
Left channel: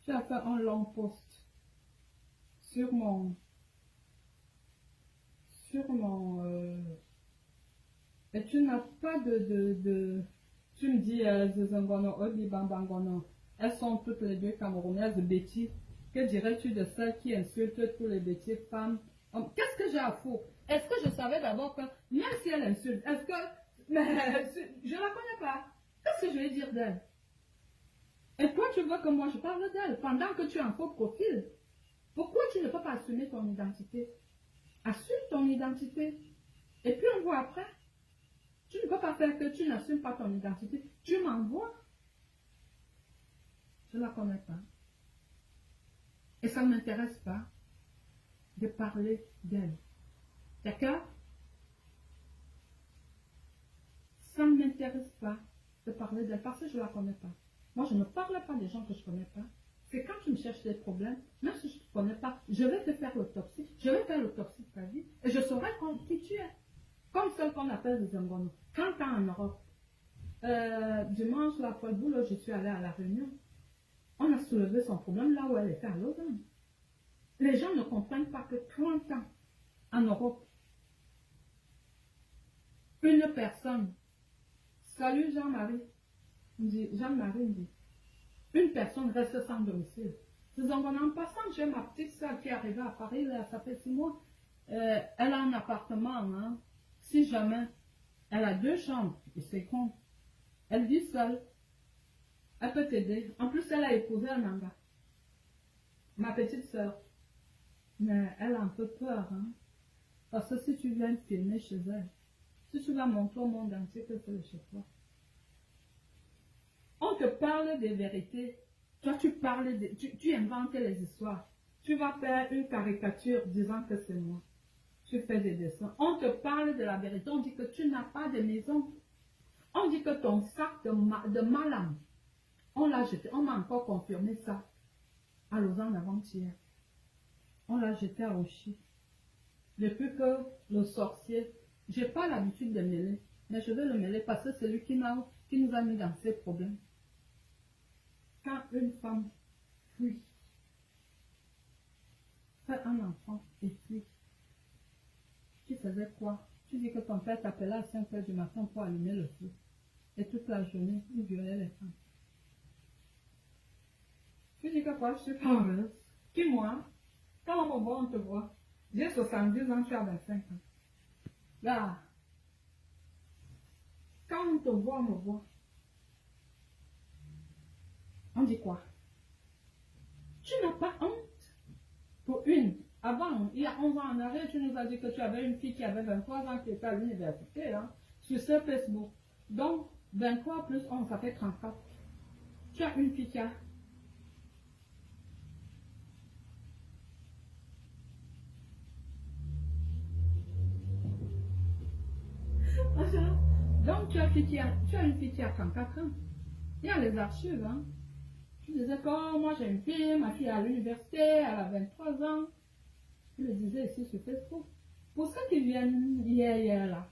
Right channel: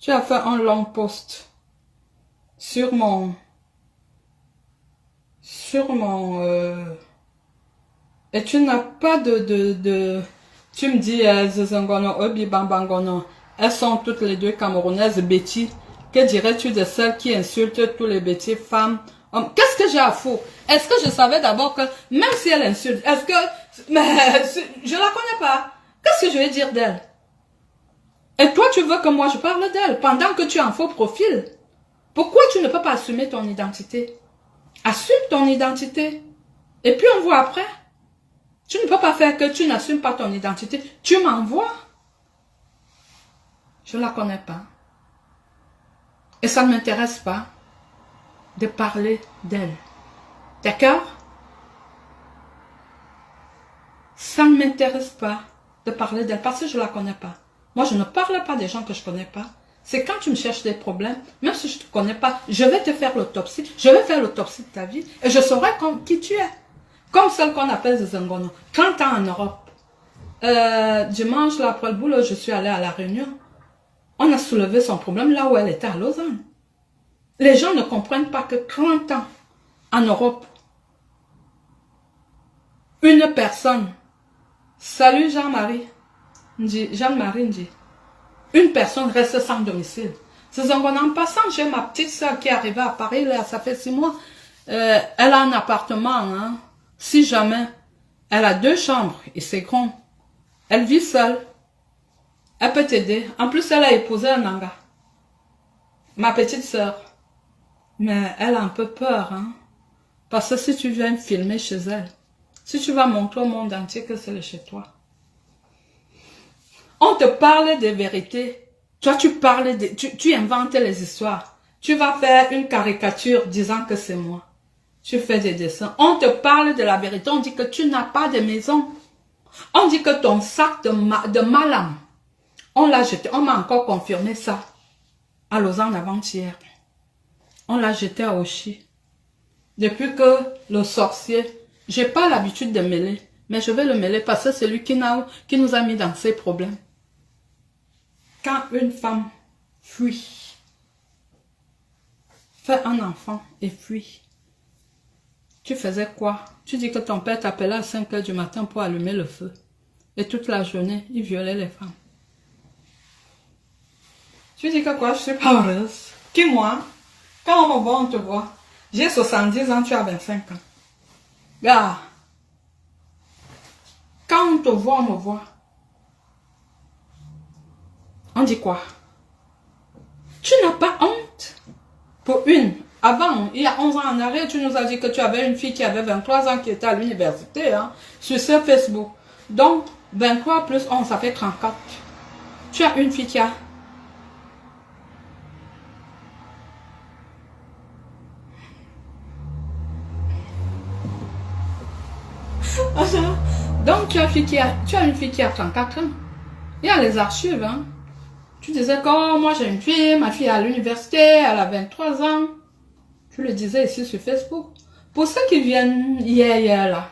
Tu as fait un long post sur mon... et tu n'as pas tu me dis, Zezangono, Obi Bambangono, elles sont toutes les deux camerounaises bêtises. Que dirais-tu de celles qui insultent tous les bêtises, femmes, hommes? Qu'est-ce que j'ai à foutre? Est-ce que je savais d'abord que, même si elle insulte, est-ce que, mais, je la connais pas. Qu'est-ce que je vais dire d'elle? Et toi, tu veux que moi je parle d'elle pendant que tu es en faux profil? Pourquoi tu ne peux pas assumer ton identité? Assume ton identité. Et puis on voit après. Tu ne peux pas faire que tu n'assumes pas ton identité. Tu m'envoies. Je ne la connais pas. Et ça ne m'intéresse pas de parler d'elle. D'accord? Ça ne m'intéresse pas de parler d'elle parce que je ne la connais pas. Moi, je ne parle pas des gens que je ne connais pas. C'est quand tu me cherches des problèmes, même si je ne te connais pas, je vais te faire l'autopsie. Je vais faire l'autopsie de ta vie et je saurai qui tu es. Comme celle qu'on appelle Zengono. 30 ans en Europe. Dimanche, là, après le boulot, je suis allée à La Réunion. On a soulevé son problème là où elle était à Lausanne. Les gens ne comprennent pas que 30 ans en Europe, une personne, salut Jean-Marie, Jean-Marie dit, une personne reste sans domicile. C'est en passant, j'ai ma petite soeur qui est arrivée à Paris, là, ça fait 6 mois. Elle a un appartement, hein. Si jamais, elle a 2 chambres et c'est grand. Elle vit seule. Elle peut t'aider. En plus, elle a épousé un Nanga. Ma petite soeur. Mais elle a un peu peur, hein. Parce que si tu viens filmer chez elle, si tu vas montrer au monde entier que c'est chez toi, on te parle des vérités. Toi, tu inventes les histoires. Tu vas faire une caricature disant que c'est moi. Tu fais des dessins. On te parle de la vérité. On dit que tu n'as pas de maison. On dit que ton sac de malam, on l'a jeté. On m'a encore confirmé ça à Lausanne avant-hier. On l'a jeté à Oshi. Depuis que le sorcier, j'ai pas l'habitude de mêler, mais je vais le mêler parce que c'est lui qui nous a mis dans ces problèmes. Quand une femme fuit, fait un enfant et fuit, tu faisais quoi? Tu dis que ton père t'appelait à 5 h du matin pour allumer le feu. Et toute la journée, il violait les femmes. Tu dis que quoi? Je suis pas heureuse. Qui moi? Quand on me voit, on te voit. J'ai 70 ans, tu as 25 ans. Gars, Quand on te voit, on me voit. On dit quoi? Tu n'as pas honte? Pour une, avant, il y a 11 ans en arrière, tu nous as dit que tu avais une fille qui avait 23 ans qui était à l'université, hein, sur ce Facebook. Donc, 23 plus 11, ça fait 34. Tu as une fille qui a... Donc, tu as une fille qui a 34 ans. Il y a les archives, hein. Tu disais que oh, moi j'ai une fille, ma fille est à l'université, elle a 23 ans. Tu le disais ici sur Facebook. Pour ceux qui viennent hier là,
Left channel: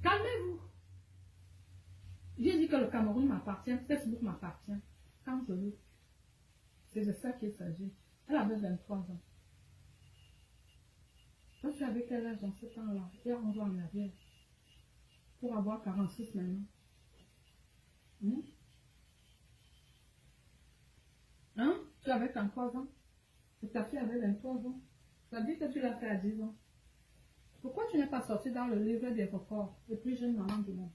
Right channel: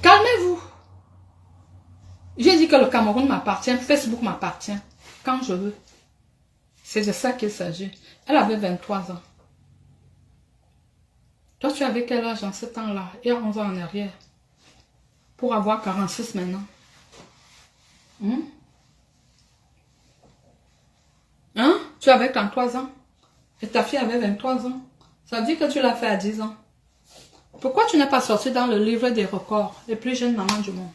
calmez-vous. J'ai dit que le Cameroun m'appartient, Facebook m'appartient, quand je veux. C'est de ça qu'il s'agit. Elle avait 23 ans. Toi, tu avais quel âge en ce temps-là? Il y a 11 ans en arrière. Pour avoir 46 maintenant. Hein? Tu avais 33 ans. Et ta fille avait 23 ans. Ça veut dire que tu l'as fait à 10 ans. Pourquoi tu n'es pas sorti dans le livre des records, les plus jeunes mamans du monde?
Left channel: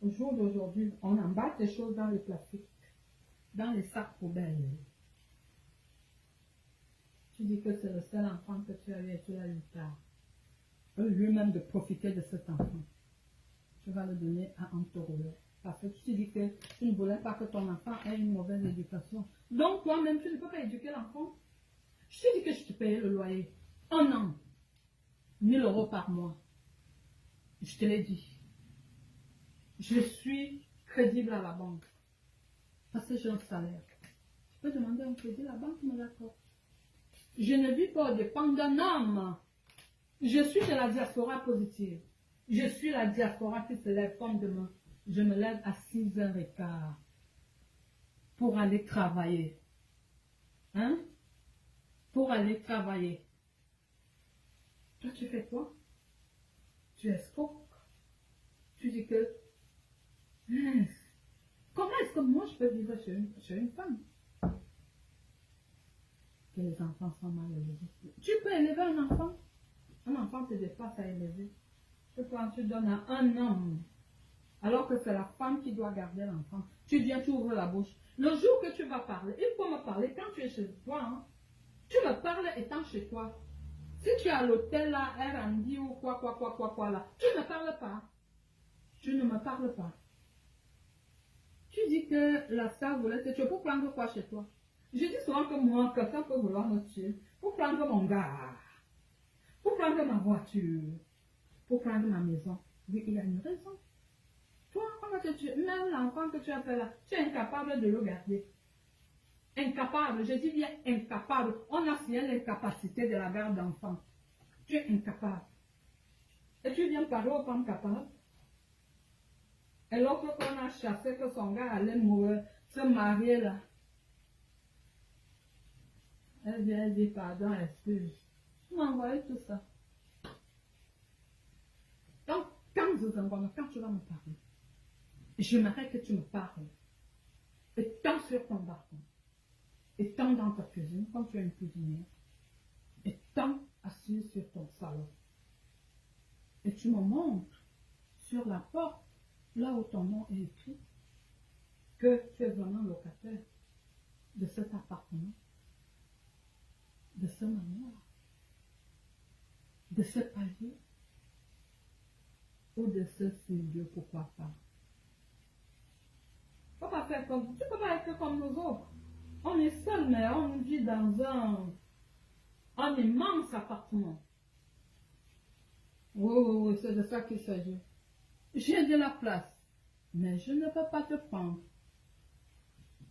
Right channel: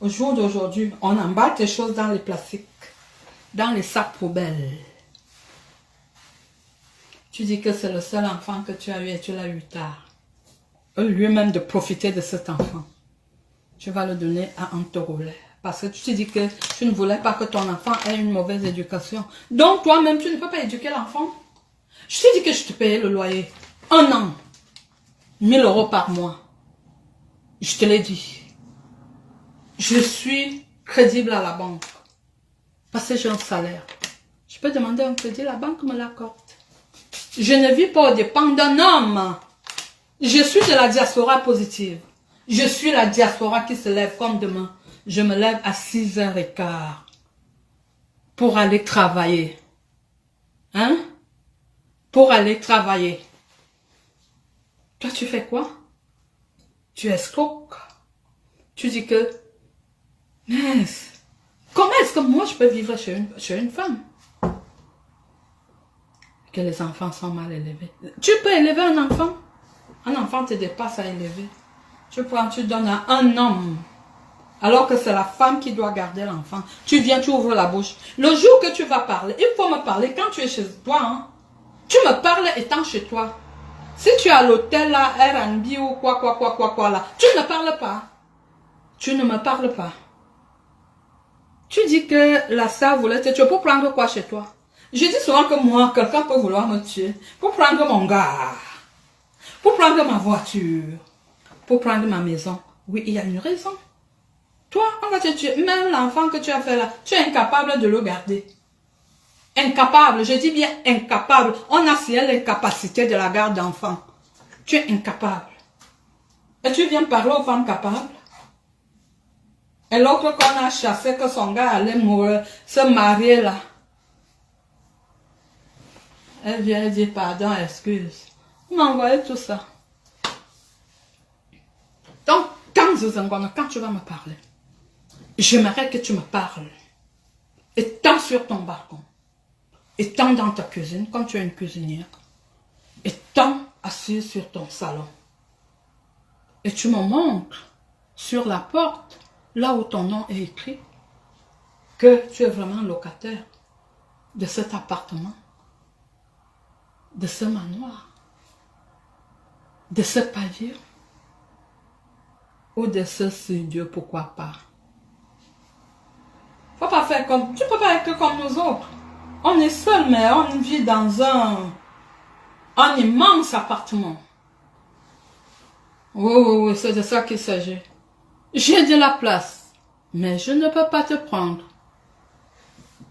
Au jour d'aujourd'hui, on emballe tes choses dans les plastiques, dans les sacs poubelles. Tu dis que c'est le seul enfant que tu as eu et tu l'as eu tard. Au lieu même de profiter de cet enfant, tu vas le donner à un taureau-lait. Parce que tu te dis que tu ne voulais pas que ton enfant ait une mauvaise éducation. Donc toi-même, tu ne peux pas éduquer l'enfant. Je te dis que je te payais le loyer. 1 an. 1000 € par mois. Je te l'ai dit. Je suis crédible à la banque. Parce que j'ai un salaire. Je peux demander un crédit, la banque me l'accorde. Je ne vis pas aux dépens d'un homme. Je suis de la diaspora positive. Je suis la diaspora qui se lève comme demain. Je me lève à 6h15 pour aller travailler. Hein? Pour aller travailler. Toi, tu fais quoi? Tu escroques. Tu dis que, mais comment est-ce que moi je peux vivre chez une femme? Que les enfants sont mal élevés. Tu peux élever un enfant? Un enfant te dépasse à élever. Tu prends, tu donnes à un homme. Alors que c'est la femme qui doit garder l'enfant. Tu viens, tu ouvres la bouche. Le jour que tu vas parler, il faut me parler quand tu es chez toi. Hein. Tu me parles étant chez toi. Si tu es à l'hôtel là, R&B ou quoi là, tu ne me parles pas. Tu ne me parles pas. Tu dis que la sœur voulait te tuer pour prendre quoi chez toi? Je dis souvent que moi, quelqu'un peut vouloir me tuer. Pour prendre mon gars. Pour prendre ma voiture. Pour prendre ma maison. Oui, il y a une raison. Toi, on va te tuer. Même l'enfant que tu as fait là, tu es incapable de le garder. Incapable, je dis bien incapable. On a si l'incapacité de la garde d'enfant. Tu es incapable. Et tu viens parler aux femmes capables. Et l'autre qu'on a chassé, que son gars allait mourir, se marier là. Elle vient dire pardon, excuse. On m'a envoyé tout ça. Donc, quand tu vas me parler, j'aimerais que tu me parles. Étant sur ton balcon, étant dans ta cuisine, comme tu es une cuisinière, étant assis sur ton salon. Et tu me montres sur la porte, là où ton nom est écrit, que tu es vraiment locataire de cet appartement, de ce manoir, de ce pavillon, ou de ce studio, pourquoi pas. Faut pas faire comme... Tu peux pas être comme nous autres. On est seul, mais on vit dans un immense appartement. Oui, c'est de ça qu'il s'agit. J'ai de la place, mais je ne peux pas te prendre.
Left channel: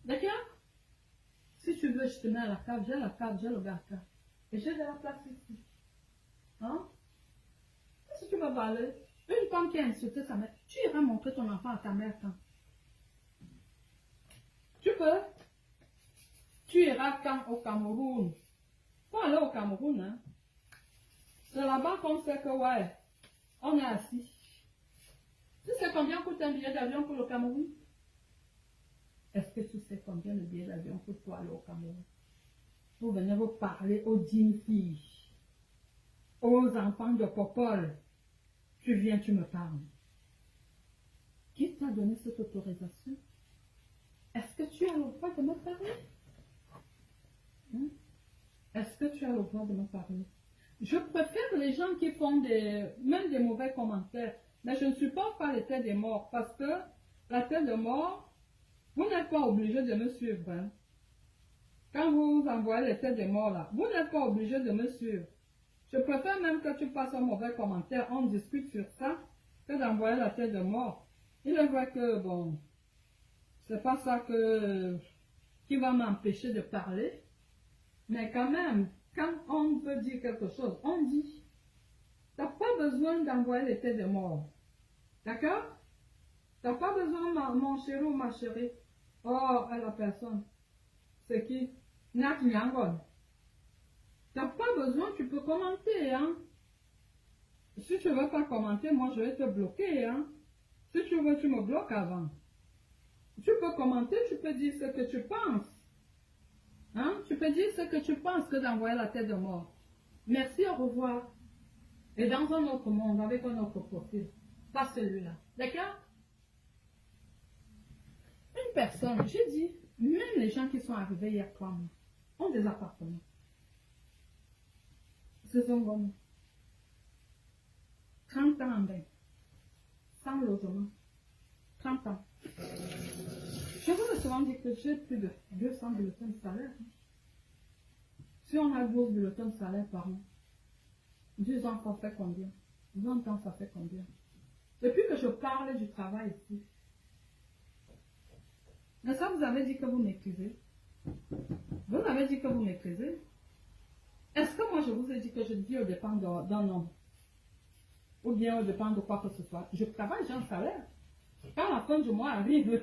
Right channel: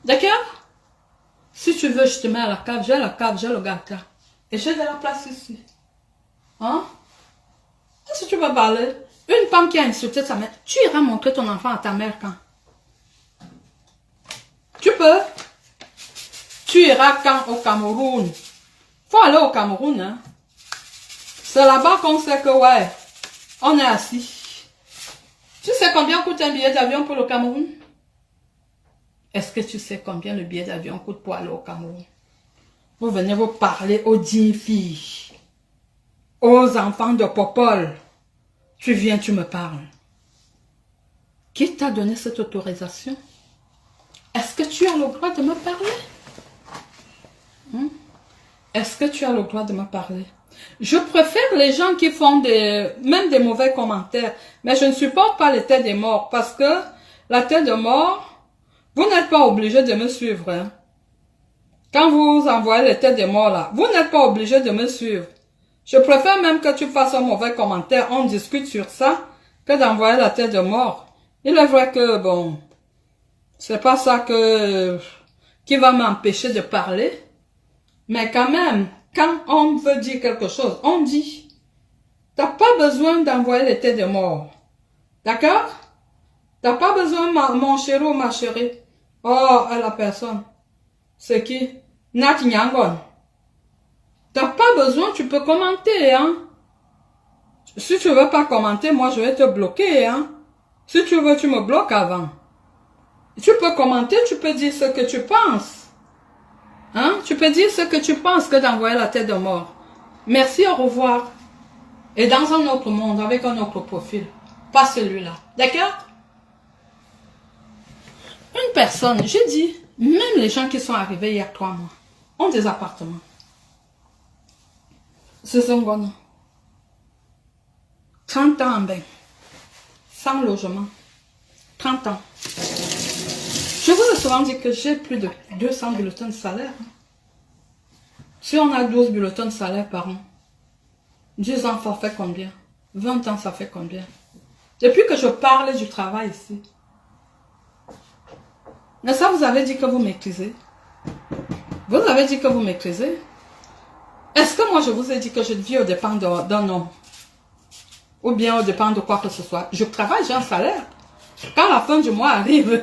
D'accord? Si tu veux, je te mets à la cave, j'ai le gâteau. Et j'ai de la place ici. Hein? Et si tu veux parler, une femme qui a insulté sa mère, tu iras montrer ton enfant à ta mère quand? Tu peux. Tu iras quand au Cameroun? Faut aller au Cameroun, hein? C'est là-bas qu'on sait que, ouais, on est assis. Tu sais combien coûte un billet d'avion pour le Cameroun? Est-ce que tu sais combien le billet d'avion coûte pour aller au Cameroun? Vous venez vous parler aux 10 filles, aux enfants de Popol. Tu viens, tu me parles. Qui t'a donné cette autorisation? Est-ce que tu as le droit de me parler? Est-ce que tu as le droit de me parler? Je préfère les gens qui font même des mauvais commentaires, mais je ne supporte pas les têtes des morts, parce que la tête de mort, vous n'êtes pas obligé de me suivre. Hein. Quand vous envoyez les têtes des morts là, vous n'êtes pas obligé de me suivre. Je préfère même que tu fasses un mauvais commentaire, on discute sur ça, que d'envoyer la tête de mort. Il est vrai que, bon, c'est pas ça qui va m'empêcher de parler, mais quand même, quand on veut dire quelque chose, on dit. T'as pas besoin d'envoyer les têtes de mort. D'accord? T'as pas besoin, mon chéri ou ma chérie. Oh, à la personne. C'est qui? Nat Nyangon. T'as pas besoin, tu peux commenter, hein. Si tu veux pas commenter, moi je vais te bloquer, hein. Si tu veux, tu me bloques avant. Tu peux commenter, tu peux dire ce que tu penses. Hein? Tu peux dire ce que tu penses que d'envoyer la tête de mort. Merci, au revoir. Et dans un autre monde, avec un autre profil. Pas celui-là. D'accord? Une personne, j'ai dit, même les gens qui sont arrivés il y a 3 mois, ont des appartements. Ce sont bon. 30 ans en bain. Sans logement. 30 ans. Je vous ai souvent dit que j'ai plus de 200 bulletins de salaire. Si on a 12 bulletins de salaire par an, 10 ans, ça fait combien? 20 ans, ça fait combien? Depuis que je parle du travail ici. Mais ça, vous avez dit que vous maîtrisez. Vous avez dit que vous maîtrisez. Est-ce que moi, je vous ai dit que je vis au dépend d'un homme? Ou bien au dépend de quoi que ce soit? Je travaille, j'ai un salaire. Quand la fin du mois arrive,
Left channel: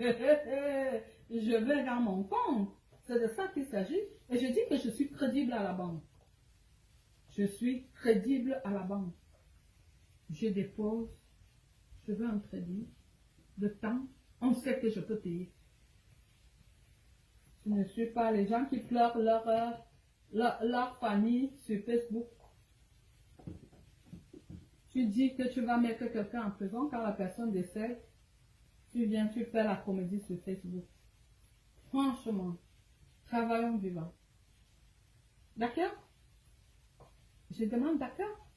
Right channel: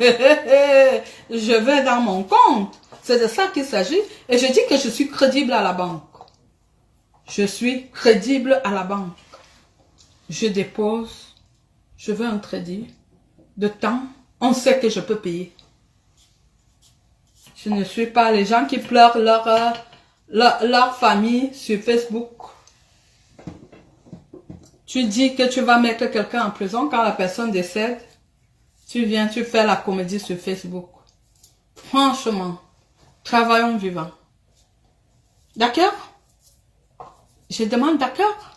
je vais dans mon compte. C'est de ça qu'il s'agit. Et je dis que je suis crédible à la banque. Je suis crédible à la banque. Je dépose, je veux un crédit. De temps, on sait que je peux payer. Je ne suis pas les gens qui pleurent leur famille sur Facebook. Tu dis que tu vas mettre quelqu'un en prison quand la personne décède. Tu viens, tu fais la comédie sur Facebook. Franchement, travaillons vivants. D'accord? Je demande d'accord.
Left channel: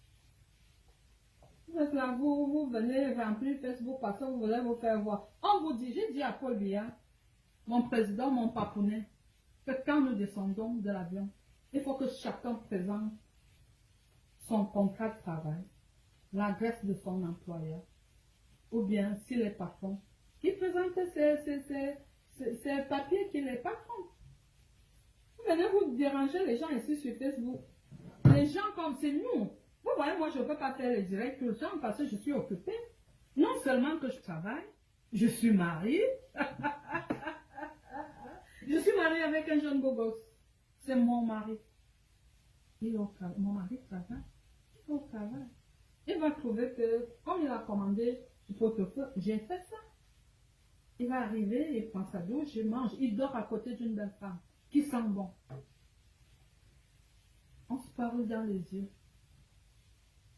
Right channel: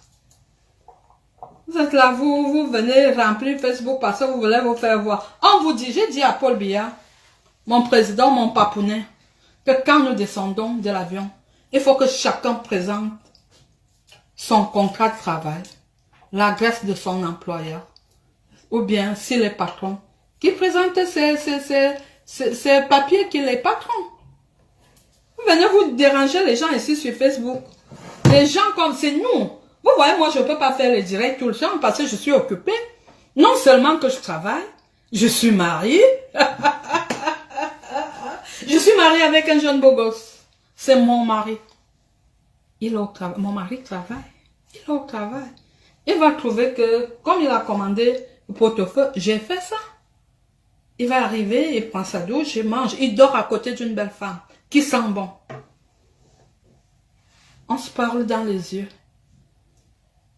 Vous êtes là, vous venez remplir Facebook parce que vous voulez vous faire voir. On vous dit, j'ai dit à Paul Biya, mon président, mon papounet, que quand nous descendons de l'avion, il faut que chacun présente son contrat de travail, l'adresse de son employeur, ou bien, s'il est patron, qui présente ces papiers qu'il est patron. Vous venez vous déranger les gens ici sur Facebook. Les gens comme c'est nous. Vous voyez, moi, je ne peux pas faire les directs tout le temps parce que je suis occupée. Non seulement que je travaille, je suis mariée. Je suis mariée avec un jeune beau gosse. C'est mon mari. Il est au travail. Mon mari travaille. Il est au travail. Il va trouver que, comme il a commandé le pot-au-feu, j'ai fait ça. Il va arriver, il prend sa douche, il mange. Il dort à côté d'une belle femme qui sent bon. On se parle dans les yeux.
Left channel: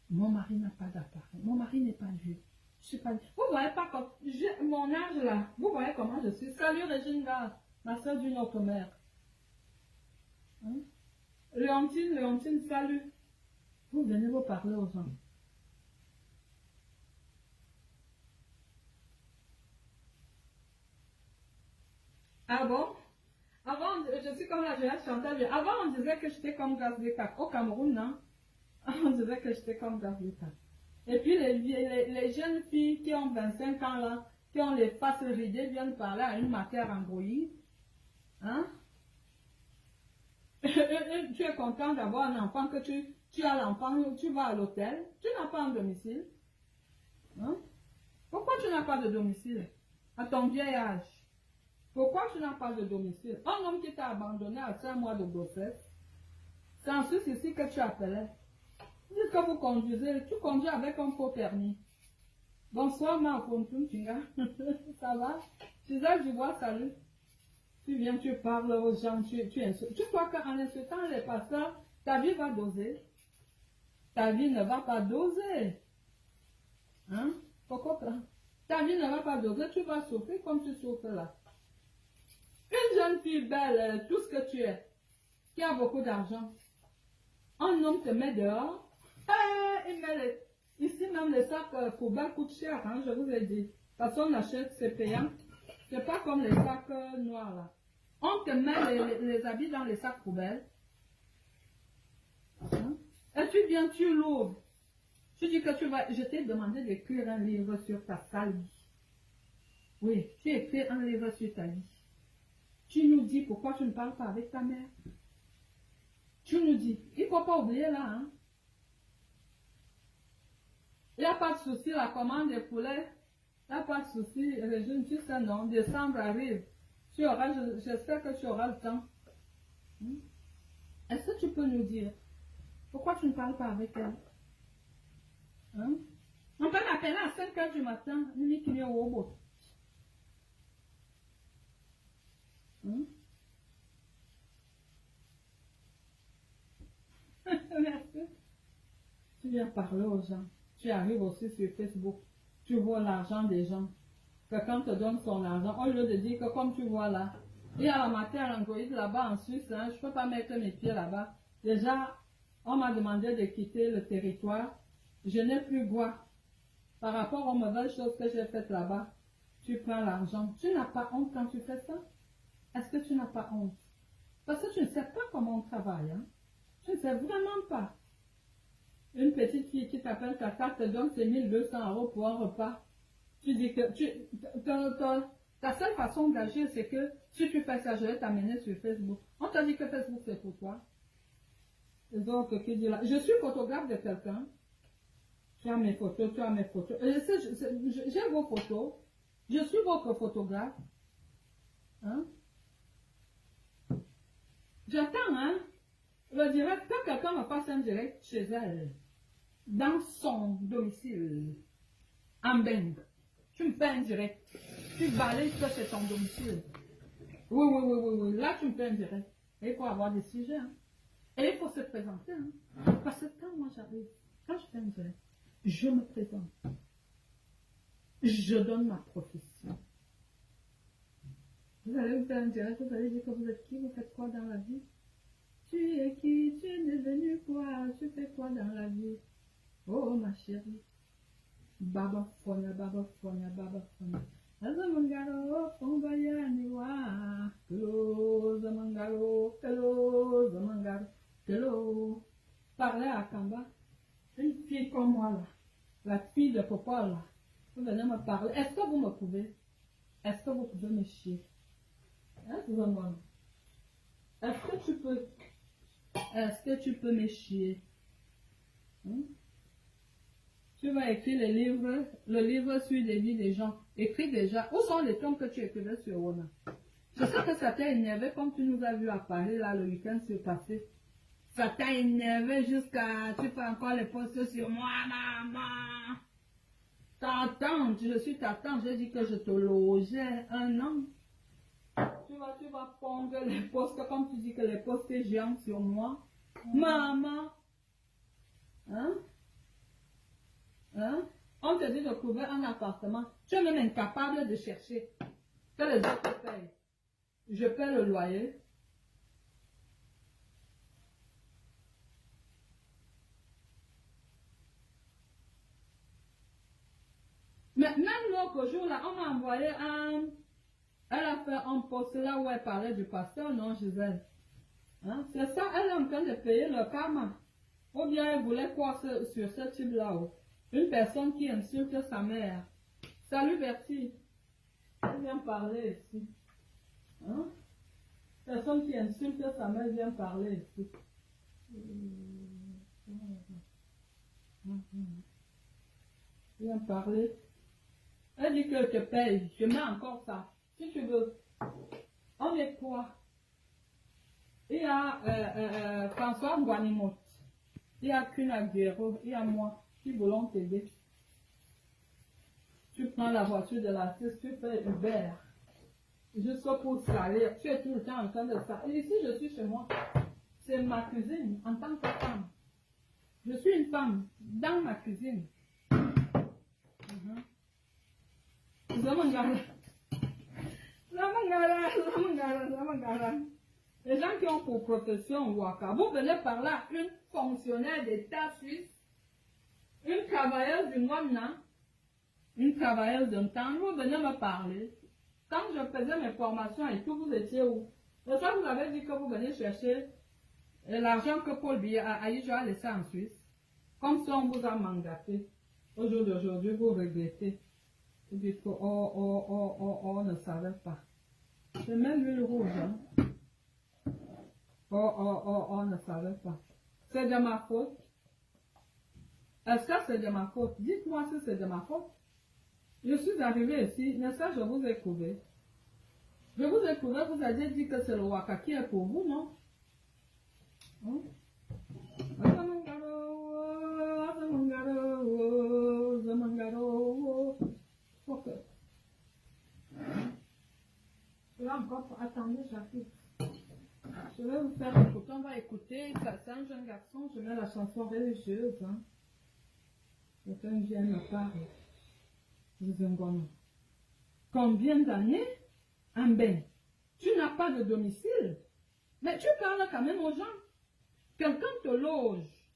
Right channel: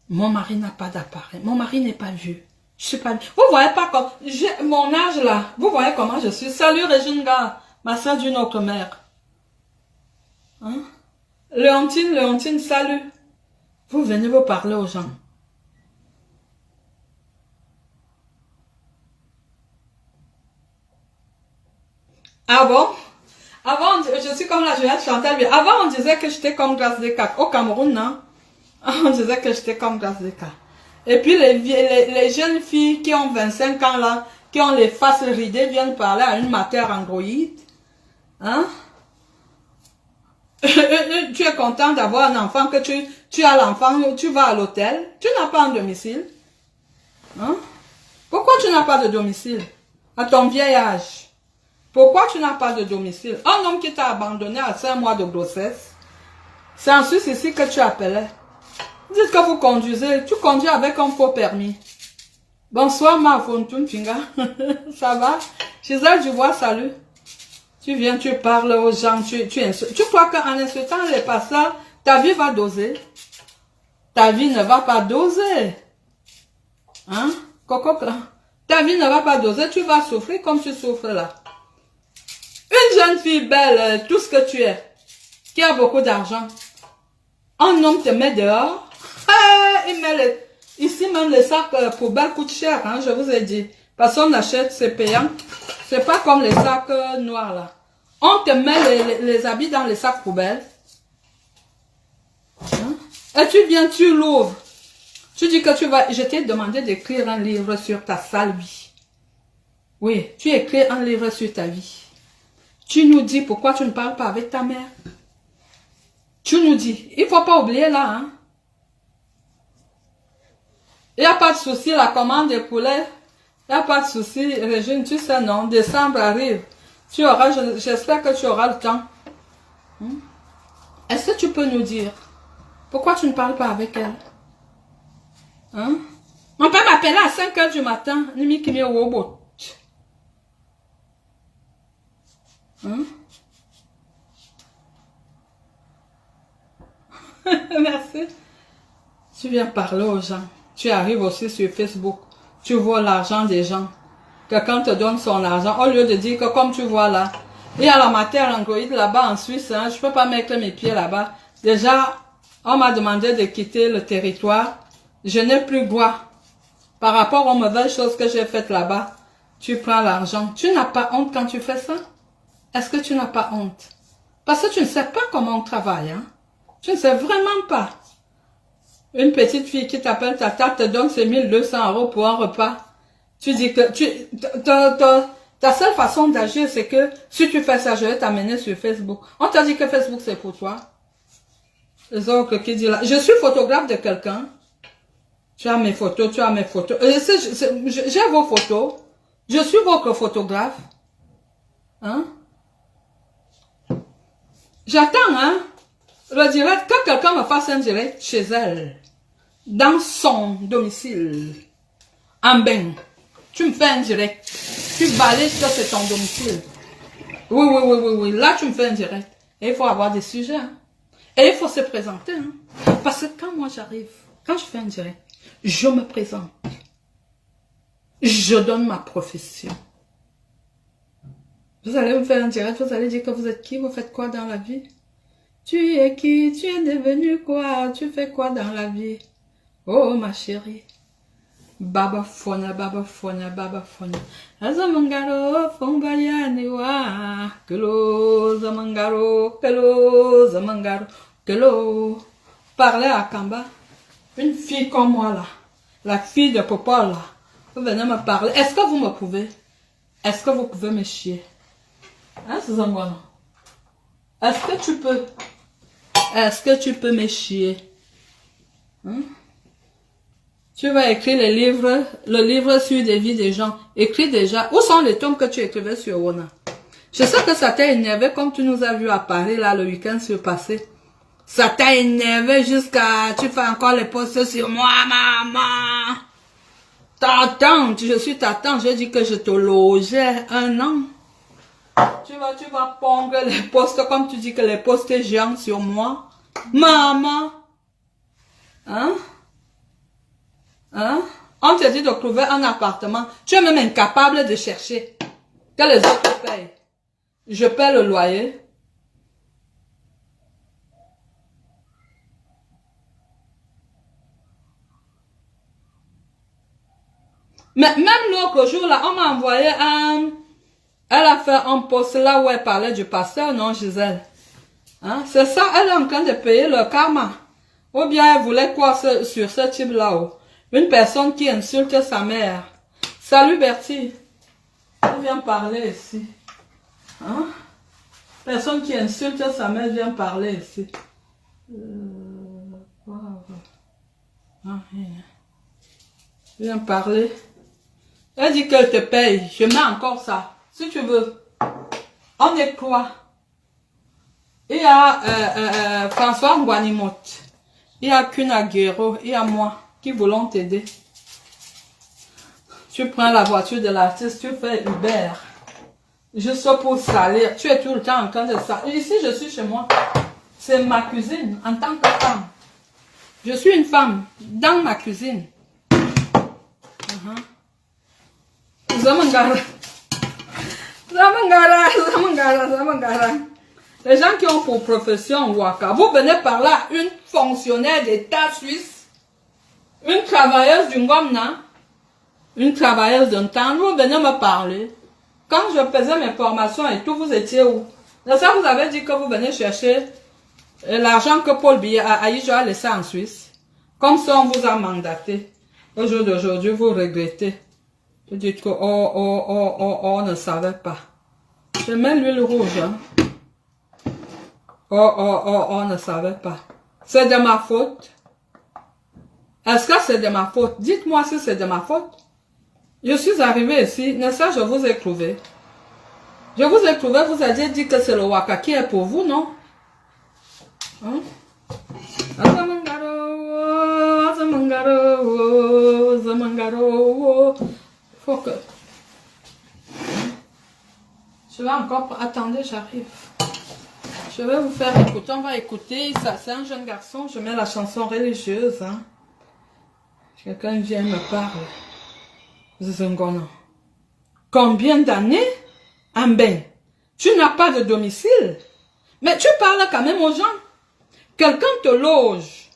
Mon mari n'a pas d'appareil. Mon mari n'est pas vieux. Je suis pas... Vous voyez pas comme... Mon âge là. Vous voyez comment je suis. Salut Régine Gare, ma soeur d'une autre mère. Hein? Léontine, salut. Vous venez vous parler aux gens. Ah bon? Avant, je suis comme la Juliette Chantal. Avant, on disait que j'étais comme Grâce Descartes. Au Cameroun, non? On disait que j'étais comme Grâce Descartes. Et puis, les jeunes filles qui ont 25 ans, là, qui ont les faces ridées, viennent parler à une matière androïde. Hein? Tu es content d'avoir un enfant, que tu as l'enfant, tu vas à l'hôtel. Tu n'as pas un domicile. Hein? Pourquoi tu n'as pas de domicile? À ton vieil âge. Pourquoi tu n'as pas de domicile? Un homme qui t'a abandonné à 5 mois de grossesse. C'est en Suisse ici que tu appelais. Dites que vous conduisez. Tu conduis avec un faux permis. Bonsoir ma Fontoun Finga. Ça va? Gisèle Dubois, salut. Tu viens, tu parles aux gens, tu insultes. Tu crois qu'en insultant les pasteurs, ta vie va doser? Ta vie ne va pas doser. Hein? Coco, ta vie ne va pas doser, tu vas souffrir comme tu souffres là. Une jeune fille belle, tout ce que tu es, qui a beaucoup d'argent. Un homme te met dehors. Il met ici même les sacs poubelles coûtent cher, hein, je vous ai dit. Parce qu'on achète, c'est payant. C'est pas comme les sacs noirs là. On te met les habits dans les sacs poubelles. Hein? Et tu viens, tu l'ouvres. Tu dis que tu vas... Je t'ai demandé d'écrire un livre sur ta sale vie. Oui, tu écris un livre sur ta vie. Tu nous dis pourquoi tu ne parles pas avec ta mère. Tu nous dis. Il ne faut pas oublier là. Hein? Il n'y a pas de souci, la commande des poulets. Il n'y a pas de souci, Régine, tu sais non. Décembre arrive. Tu auras, j'espère que tu auras le temps. Est-ce que tu peux nous dire pourquoi tu ne parles pas avec elle? Hein? Mon père m'appelait à 5 h du matin. Hein? Merci. Tu viens parler aux gens. Tu arrives aussi sur Facebook. Tu vois l'argent des gens. Quelqu'un te donne son argent. Au lieu de dire que comme tu vois là, il y a la matière Android là-bas en Suisse. Hein, je ne peux pas mettre mes pieds là-bas. Déjà, on m'a demandé de quitter le territoire. Je n'ai plus droit. Par rapport aux mauvaises choses que j'ai faites là-bas, tu prends l'argent. Tu n'as pas honte quand tu fais ça? Est-ce que tu n'as pas honte? Parce que tu ne sais pas comment on travaille. Hein? Tu ne sais vraiment pas. Une petite fille qui t'appelle tata te donne ses 1200 € pour un repas. Tu dis que ta seule façon d'agir, c'est que si tu fais ça, je vais t'amener sur Facebook. On t'a dit que Facebook, c'est pour toi. Les autres qui disent là, je suis photographe de quelqu'un. Tu as mes photos, tu as mes photos. J'ai vos photos. Je suis votre photographe. Hein? J'attends, hein? Le direct, que quelqu'un me fasse un direct chez elle. Dans son domicile. En bain. Tu me fais un direct. Tu balays que c'est ton domicile. Oui. Là, tu me fais un direct. Et il faut avoir des sujets. Hein? Et il faut se présenter. Hein? Parce que quand moi j'arrive, quand je fais un direct, je me présente. Je donne ma profession. Vous allez me faire un direct, vous allez dire que vous êtes qui, vous faites quoi dans la vie? Tu es qui? Tu es devenu quoi? Tu fais quoi dans la vie? Oh ma chérie. Baba fona. Azamangaro, fombayane wa. Kelo, zamangaro, kelo. Parlez à Kamba. Une fille comme moi là. La fille de Papa là. Vous venez me parler. Est-ce que vous me pouvez? Est-ce que vous pouvez me chier? Hein, Suzanne? Est-ce que tu peux? Est-ce que tu peux me chier? Hein? Tu vas écrire le livre sur des vies des gens. Écris déjà. Où sont les tomes que tu écrivais sur Wona? Je sais que ça t'a énervé comme tu nous as vu à Paris là le week-end surpassé. Ça t'a énervé jusqu'à... Tu fais encore les posts sur moi, maman. Ta tante, je suis ta tante. J'ai dit que je te logeais 1 an. Tu vas pondre les posts comme tu dis que les posts géants sur moi. Maman. Hein? Hein? On te dit de trouver un appartement. Tu es même incapable de chercher. Que les autres payent. Je paie le loyer. Mais même l'autre jour, là, on m'a envoyé un... Elle a fait un post là où elle parlait du pasteur, non, Gisèle? Hein? C'est ça, elle est en train de payer le karma. Ou bien elle voulait quoi sur ce type là-haut? Une personne qui insulte sa mère. Salut Bertie. Elle vient parler ici. Hein? Personne qui insulte sa mère vient parler ici. Viens parler. Elle dit qu'elle te paye. Je mets encore ça. Si tu veux. On est quoi? Il y a François Nguanimote. Il y a Kuna Guerrero. Il y a moi qui voulons t'aider. Tu prends la voiture de l'artiste, tu fais Uber. Juste pour salir. Tu es tout le temps en train de salir. Ici, je suis chez moi. C'est ma cuisine en tant que femme. Je suis une femme dans ma cuisine. Zamangara. Les gens qui ont pour profession Waka, vous venez par là, une fonctionnaire d'État suisse, une travailleuse du Ngomna, une travailleuse d'un temps, vous venez me parler. Quand je faisais mes formations et tout, vous étiez où? Ça, vous avez dit que vous venez chercher l'argent que Paul Biya a laissé en Suisse. Comme ça, on vous a mandaté. Au jour d'aujourd'hui, vous regrettez. Vous dites que, on ne savait pas. Je mets l'huile rouge, hein. On ne savait pas. C'est de ma faute. Est-ce que c'est de ma faute? Dites-moi si c'est de ma faute. Je suis arrivé ici, n'est-ce pas, je vous ai trouvé. Je vous ai trouvé, vous avez dit que c'est le Waka qui est pour vous, non? Hein? Faut que... Je vais encore... Attendez, j'arrive. Je vais vous faire écouter. On va écouter. Ça, c'est un jeune garçon. Je mets la chanson religieuse. Hein. Quelqu'un vient me parler. Zungono. Combien d'années? Amben. Tu n'as pas de domicile. Mais tu parles quand même aux gens. Quelqu'un te loge.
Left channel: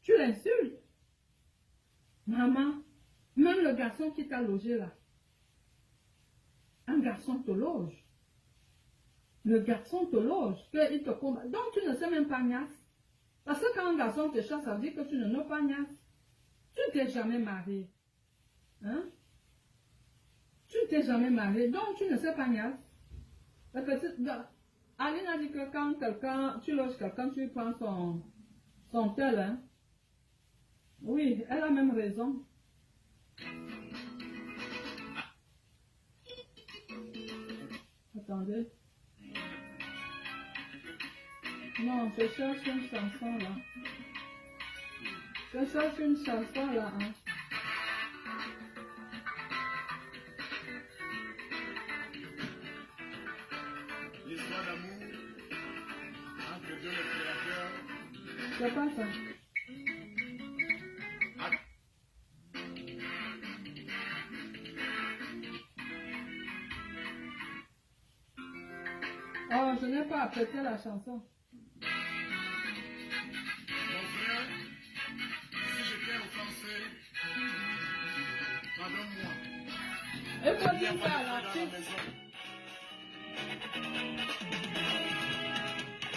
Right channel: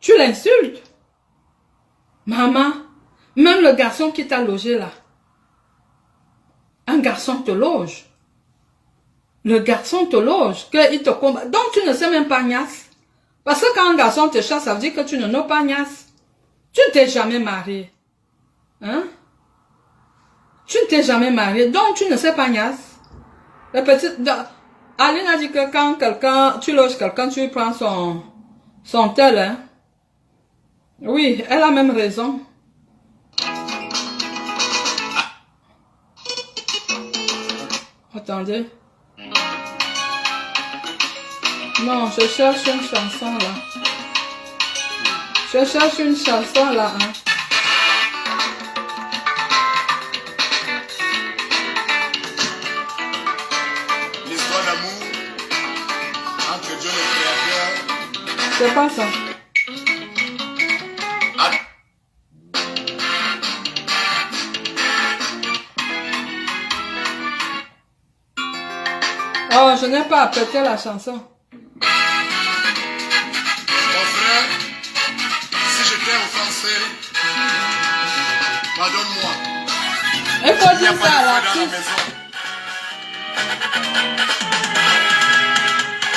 Tu l'insultes. Maman, même le garçon qui t'a logé là. Un garçon te loge. Le garçon te loge, qu'il te combat. Donc tu ne sais même pas Nias. Parce que quand un garçon te chasse, ça veut dire que tu ne n'as pas Nias. Tu ne t'es jamais marié. Hein? Tu ne t'es jamais marié, donc tu ne sais pas Nias. La petite... Aline a dit que quand quelqu'un, tu loges quelqu'un, tu prends son tel, hein? Oui, elle a même raison. Attendez. Non, je cherche une chanson là. Je cherche une chanson là, hein. L'histoire d'amour entre Dieu le Créateur. C'est pas ça. Oh, je n'ai pas apprécié la chanson. Mon frère, si je t'ai offensé, pardonne-moi. Il faut Il n'y a dire pas ça à de feu dans la l'artiste. maison.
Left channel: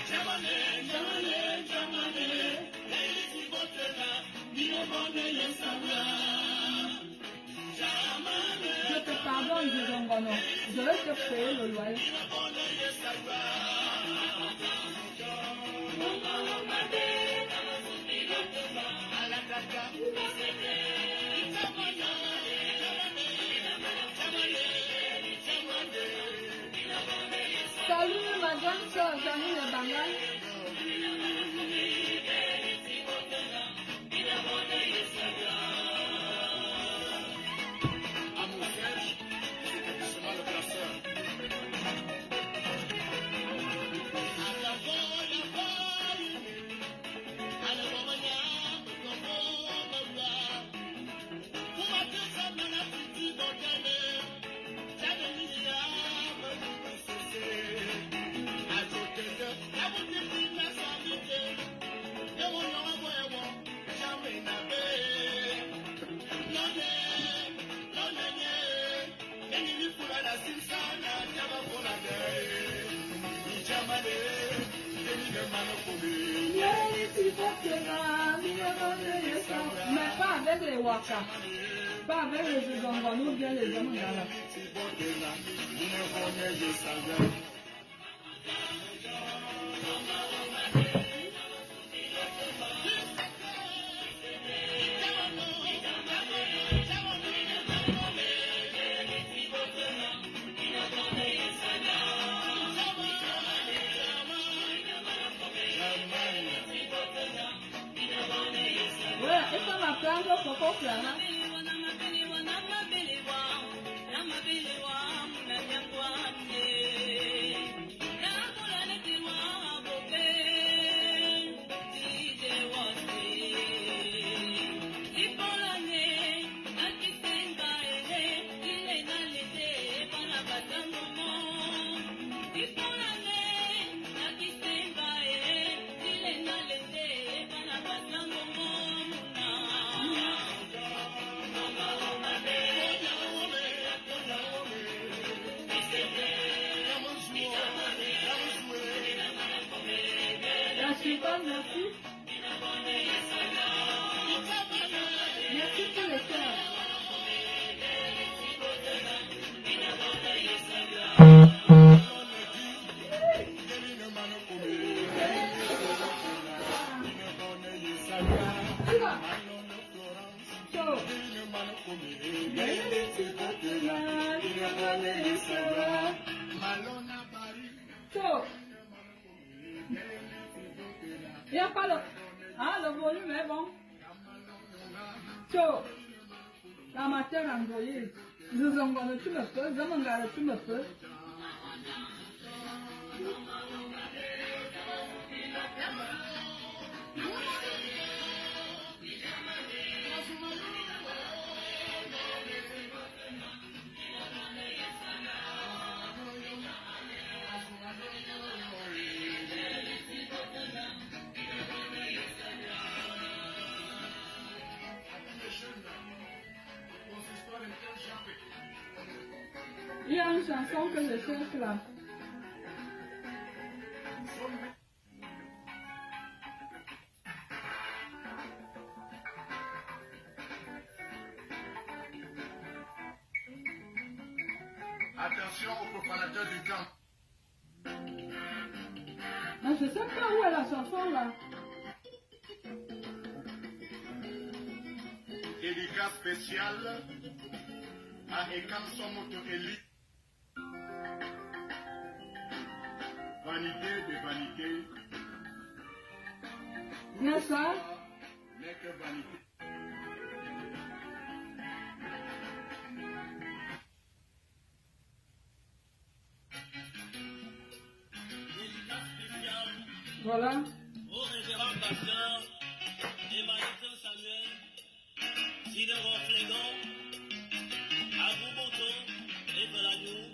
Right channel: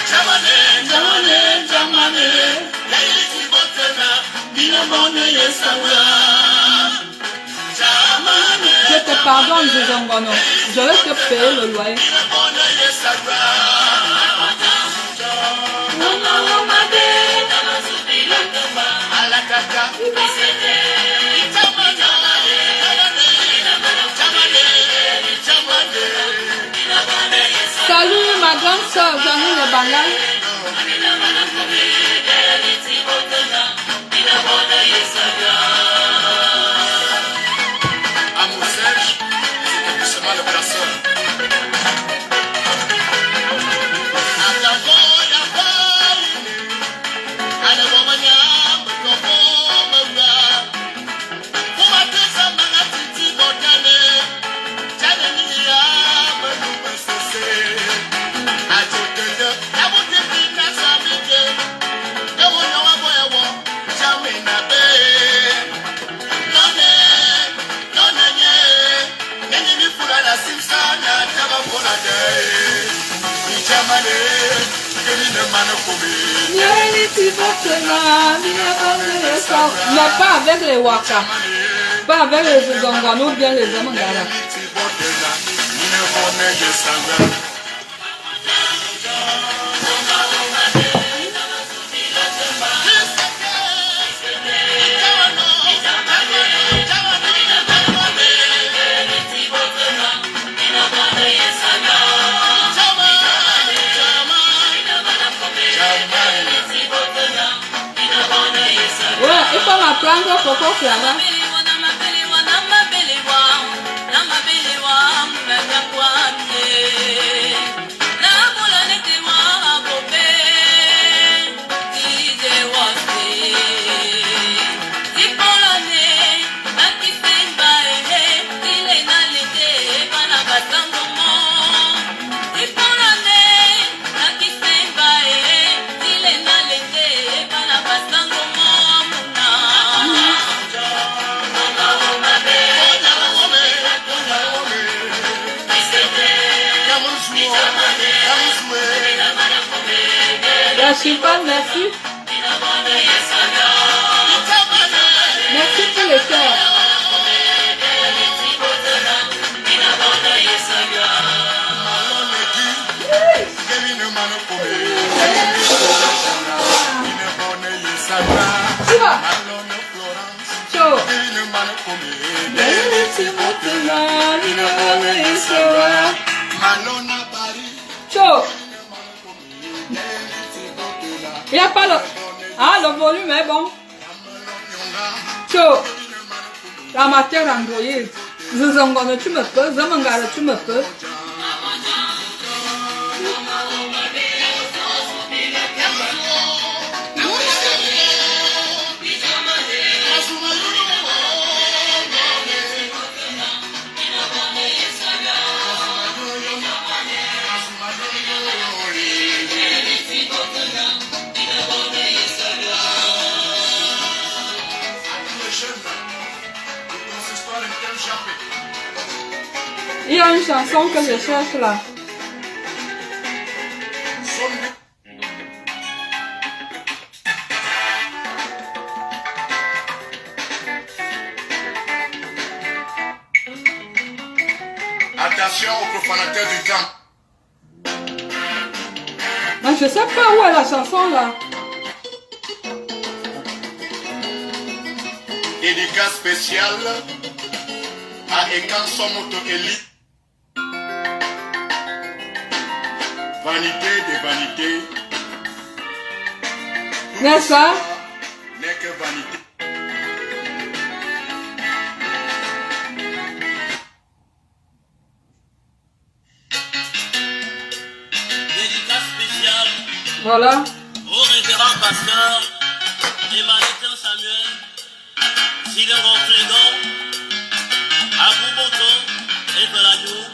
Jamane, jamane, jamane, laïti botena, binabone yesawa. Jamane, Je te pardonne, Zizongono. Je vais te payer le loyer. binabone yesawa. Alakaka, Salut ma grande soeur Janine Bangal. amour sèche, c'est doucement le poisson. Mais pas avec les Waka. Pas avec les Zizongano ou bien les Zamangara. Ouais, il faut m'apprendre Coco Clara. Chiffon, merci. Merci pour les cœurs. Tu vas. Ciao. Ciao. Il n'y a pas le... Ah, le volume est bon. Ciao. La matière Android. Zizongone, tu me peux. Zamangara, tu me peux. Il y a une chanson que je cherche là. Attention aux profanateurs du temps. Mais je sais pas où est la chanson là. Dédicace spéciale à Ekan Somoto Eli. Vanité de vanité. N'est-ce pas? N'est que vanité. Dédicace spéciale Voilà. au révérend pasteur Emmanuel Samuel, Silero Flégon, Abouboto et Pelagou.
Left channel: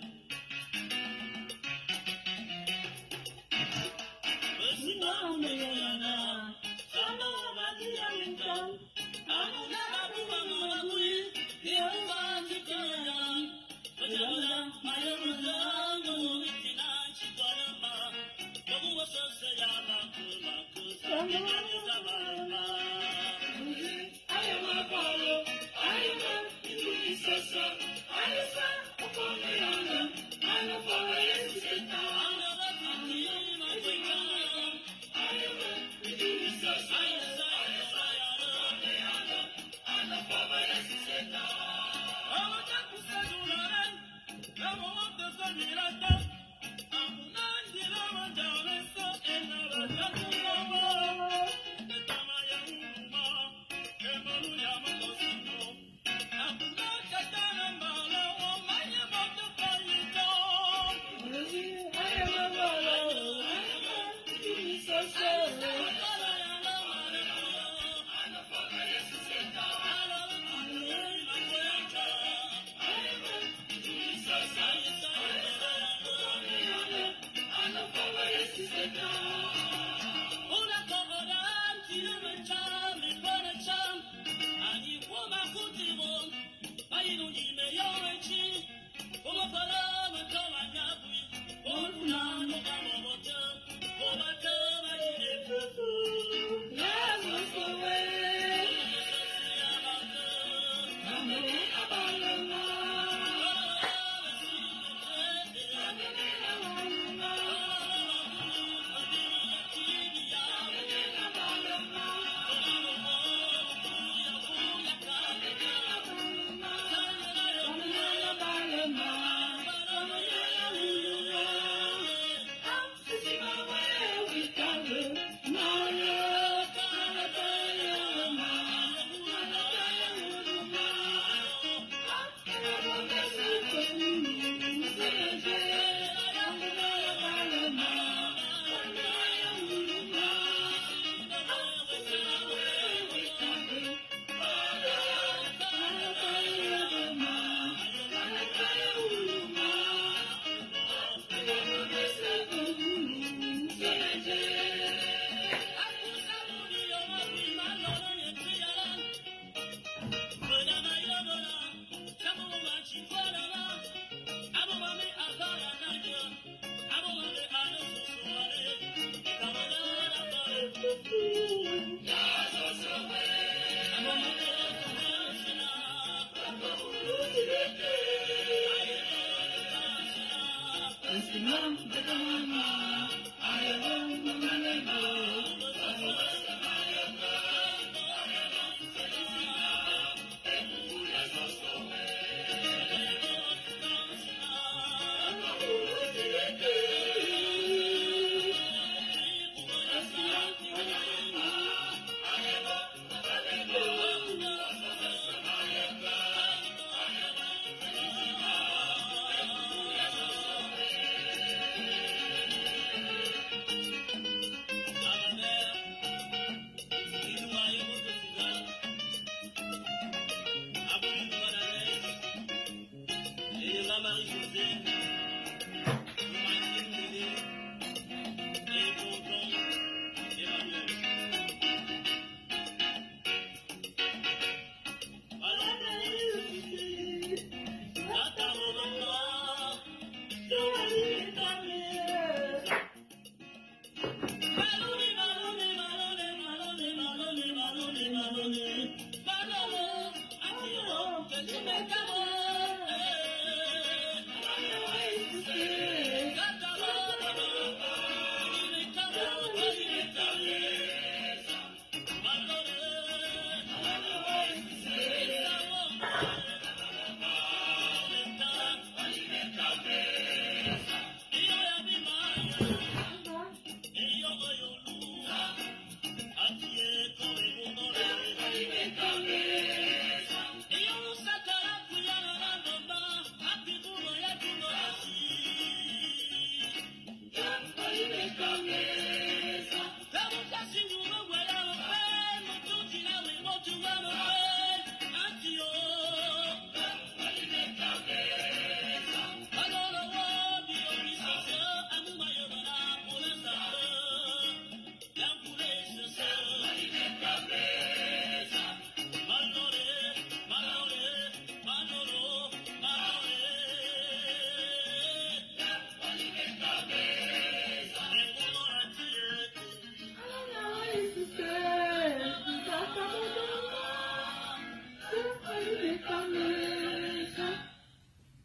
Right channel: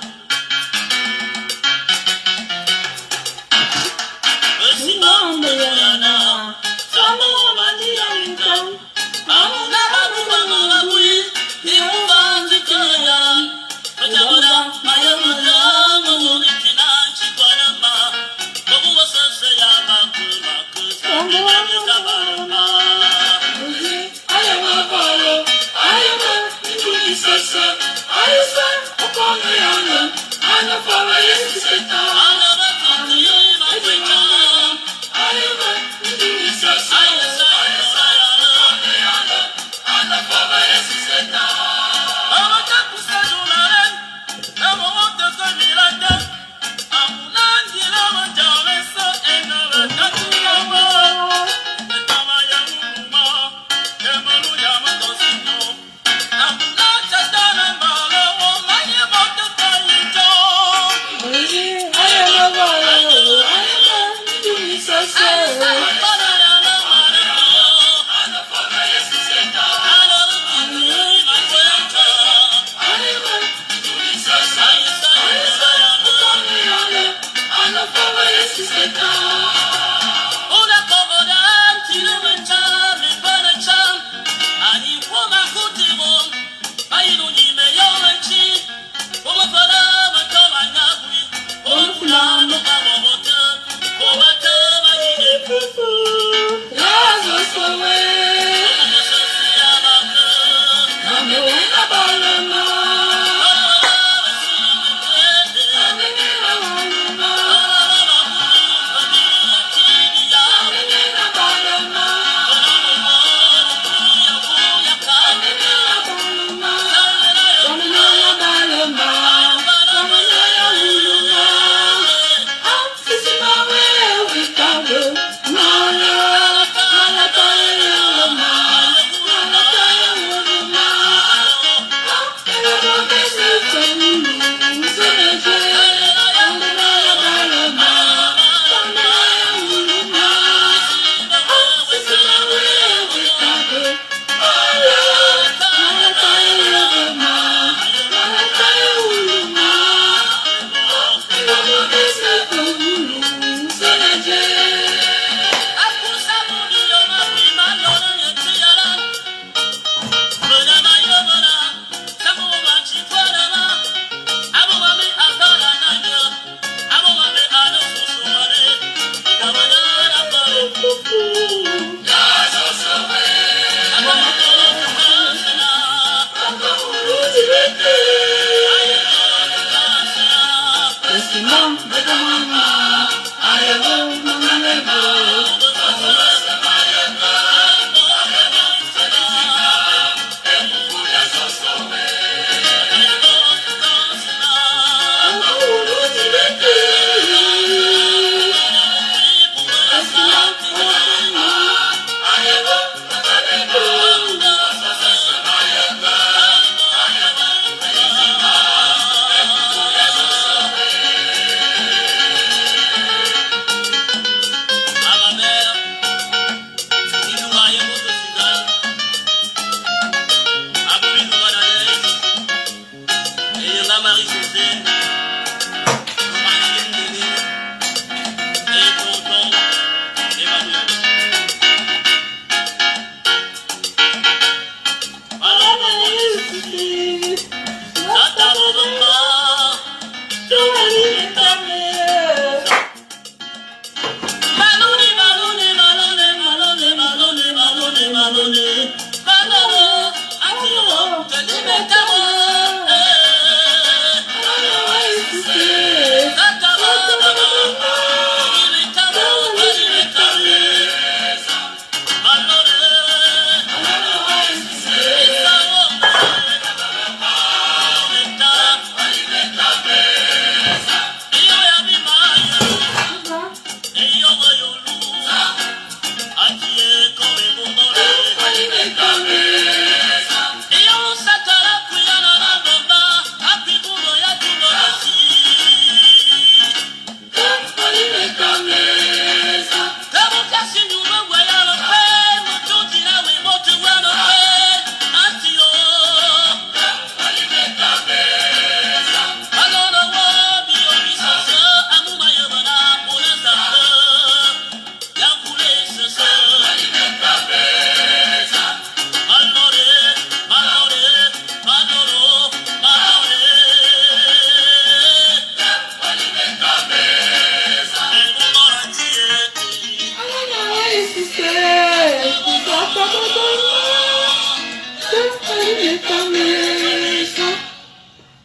No.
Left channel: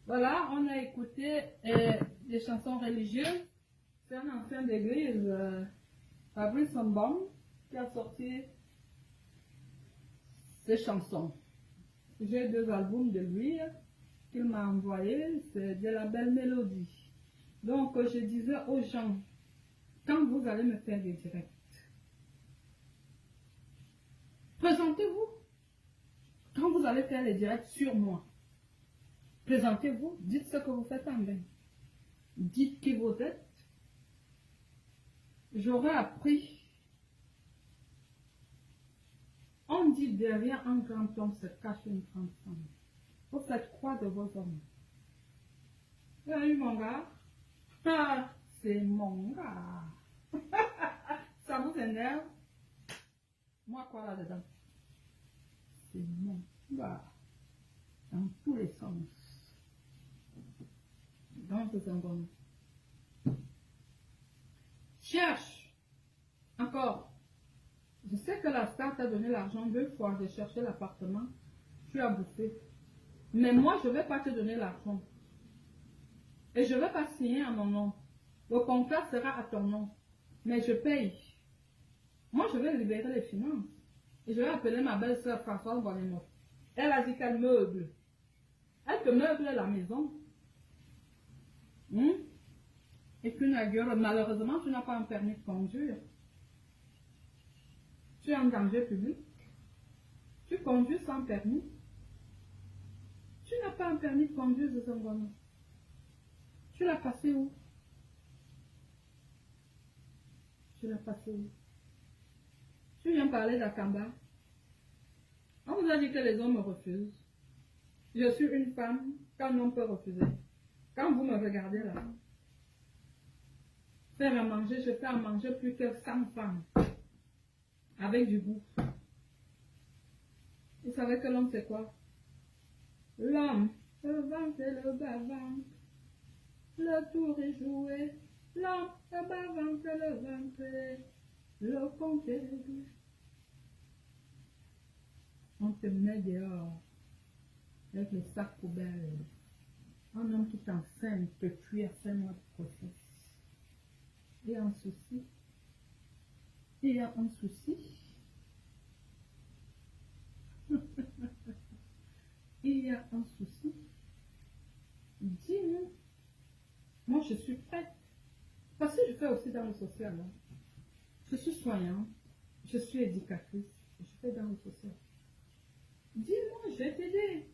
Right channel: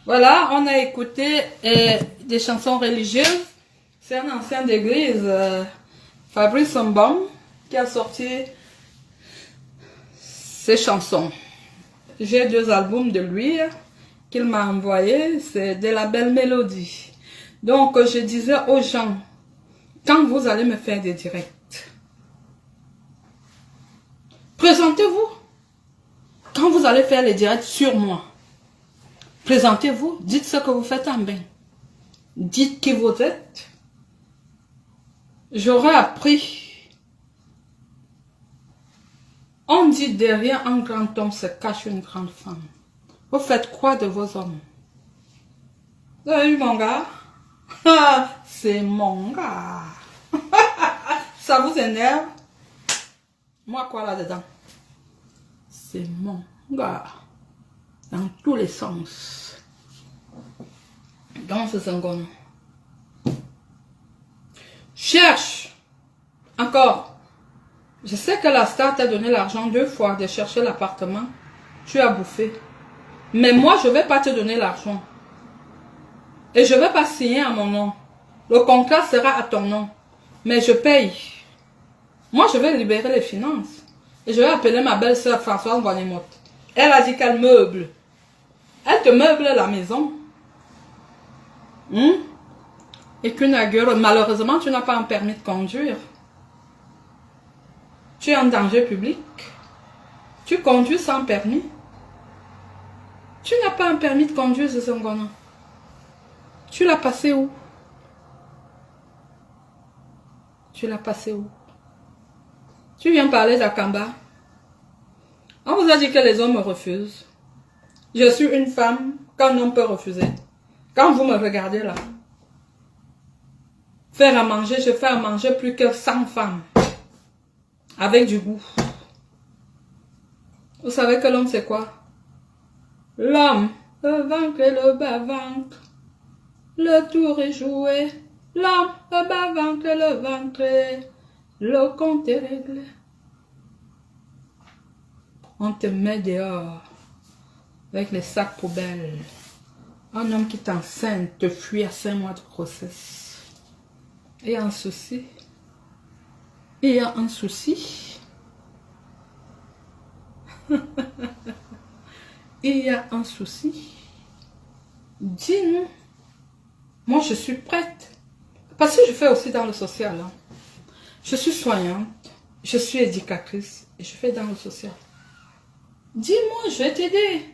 Voilà, on a écouté des chansons religieuses. C'est un ancien d'église, Fabrice Mbam, qui a sorti ces chansons. J'ai 2 albums de lui qu'il m'a envoyé, c'est de la belle mélodie. Donc je disais aux gens, quand vous allez me faire des directs, présentez-vous. Quand vous allez faire les directs sur moi, présentez-vous, dites ce que vous faites en bien. Dites qui vous êtes. J'aurais appris. On dit derrière un grand homme se cache une grande femme. Vous faites quoi de vos hommes? Vous avez vu mon gars? C'est mon gars. Ça vous énerve? Moi quoi là-dedans? C'est mon gars. Dans tous les sens. Dans ce sangon. Cherche. Encore. Je sais que la star t'a donné l'argent 2 fois de chercher l'appartement. Tu as bouffé. Mais moi, je ne vais pas te donner l'argent. Et je ne vais pas signer à mon nom. Le contrat sera à ton nom. Mais je paye. Moi, je vais libérer les finances. Et je vais appeler ma belle-sœur Françoise Bonnemotte. Elle a dit qu'elle meuble. Elle te meuble la maison. Et qu'une agueur, malheureusement, tu n'as pas un permis de conduire. Tu es en danger public. Tu conduis sans permis. Tu n'as pas un permis de conduire, ce Songona. Tu l'as passé où? Tu l'as passé où? Tu viens parler d'Akamba. On vous a dit que les hommes me refusent. Je suis une femme qu'un homme peut refuser. Quand vous me regardez là, faire à manger, je fais à manger plus que 100 femmes. Avec du goût. Vous savez que l'homme c'est quoi? L'homme, le ventre et le bas-ventre. Le tour est joué. L'homme, le bas-ventre et le ventre. Le compte est réglé. On te met dehors avec les sacs poubelles. Un homme qui t'enceinte te fuit à 5 mois de grossesse. Il y a un souci. Il y a un souci. Il y a un souci. Dis-nous. Moi, je suis prête. Parce que je fais aussi dans le social. Hein. Je suis soignante. Je suis éducatrice. Et je fais dans le social. Dis-moi, je vais t'aider.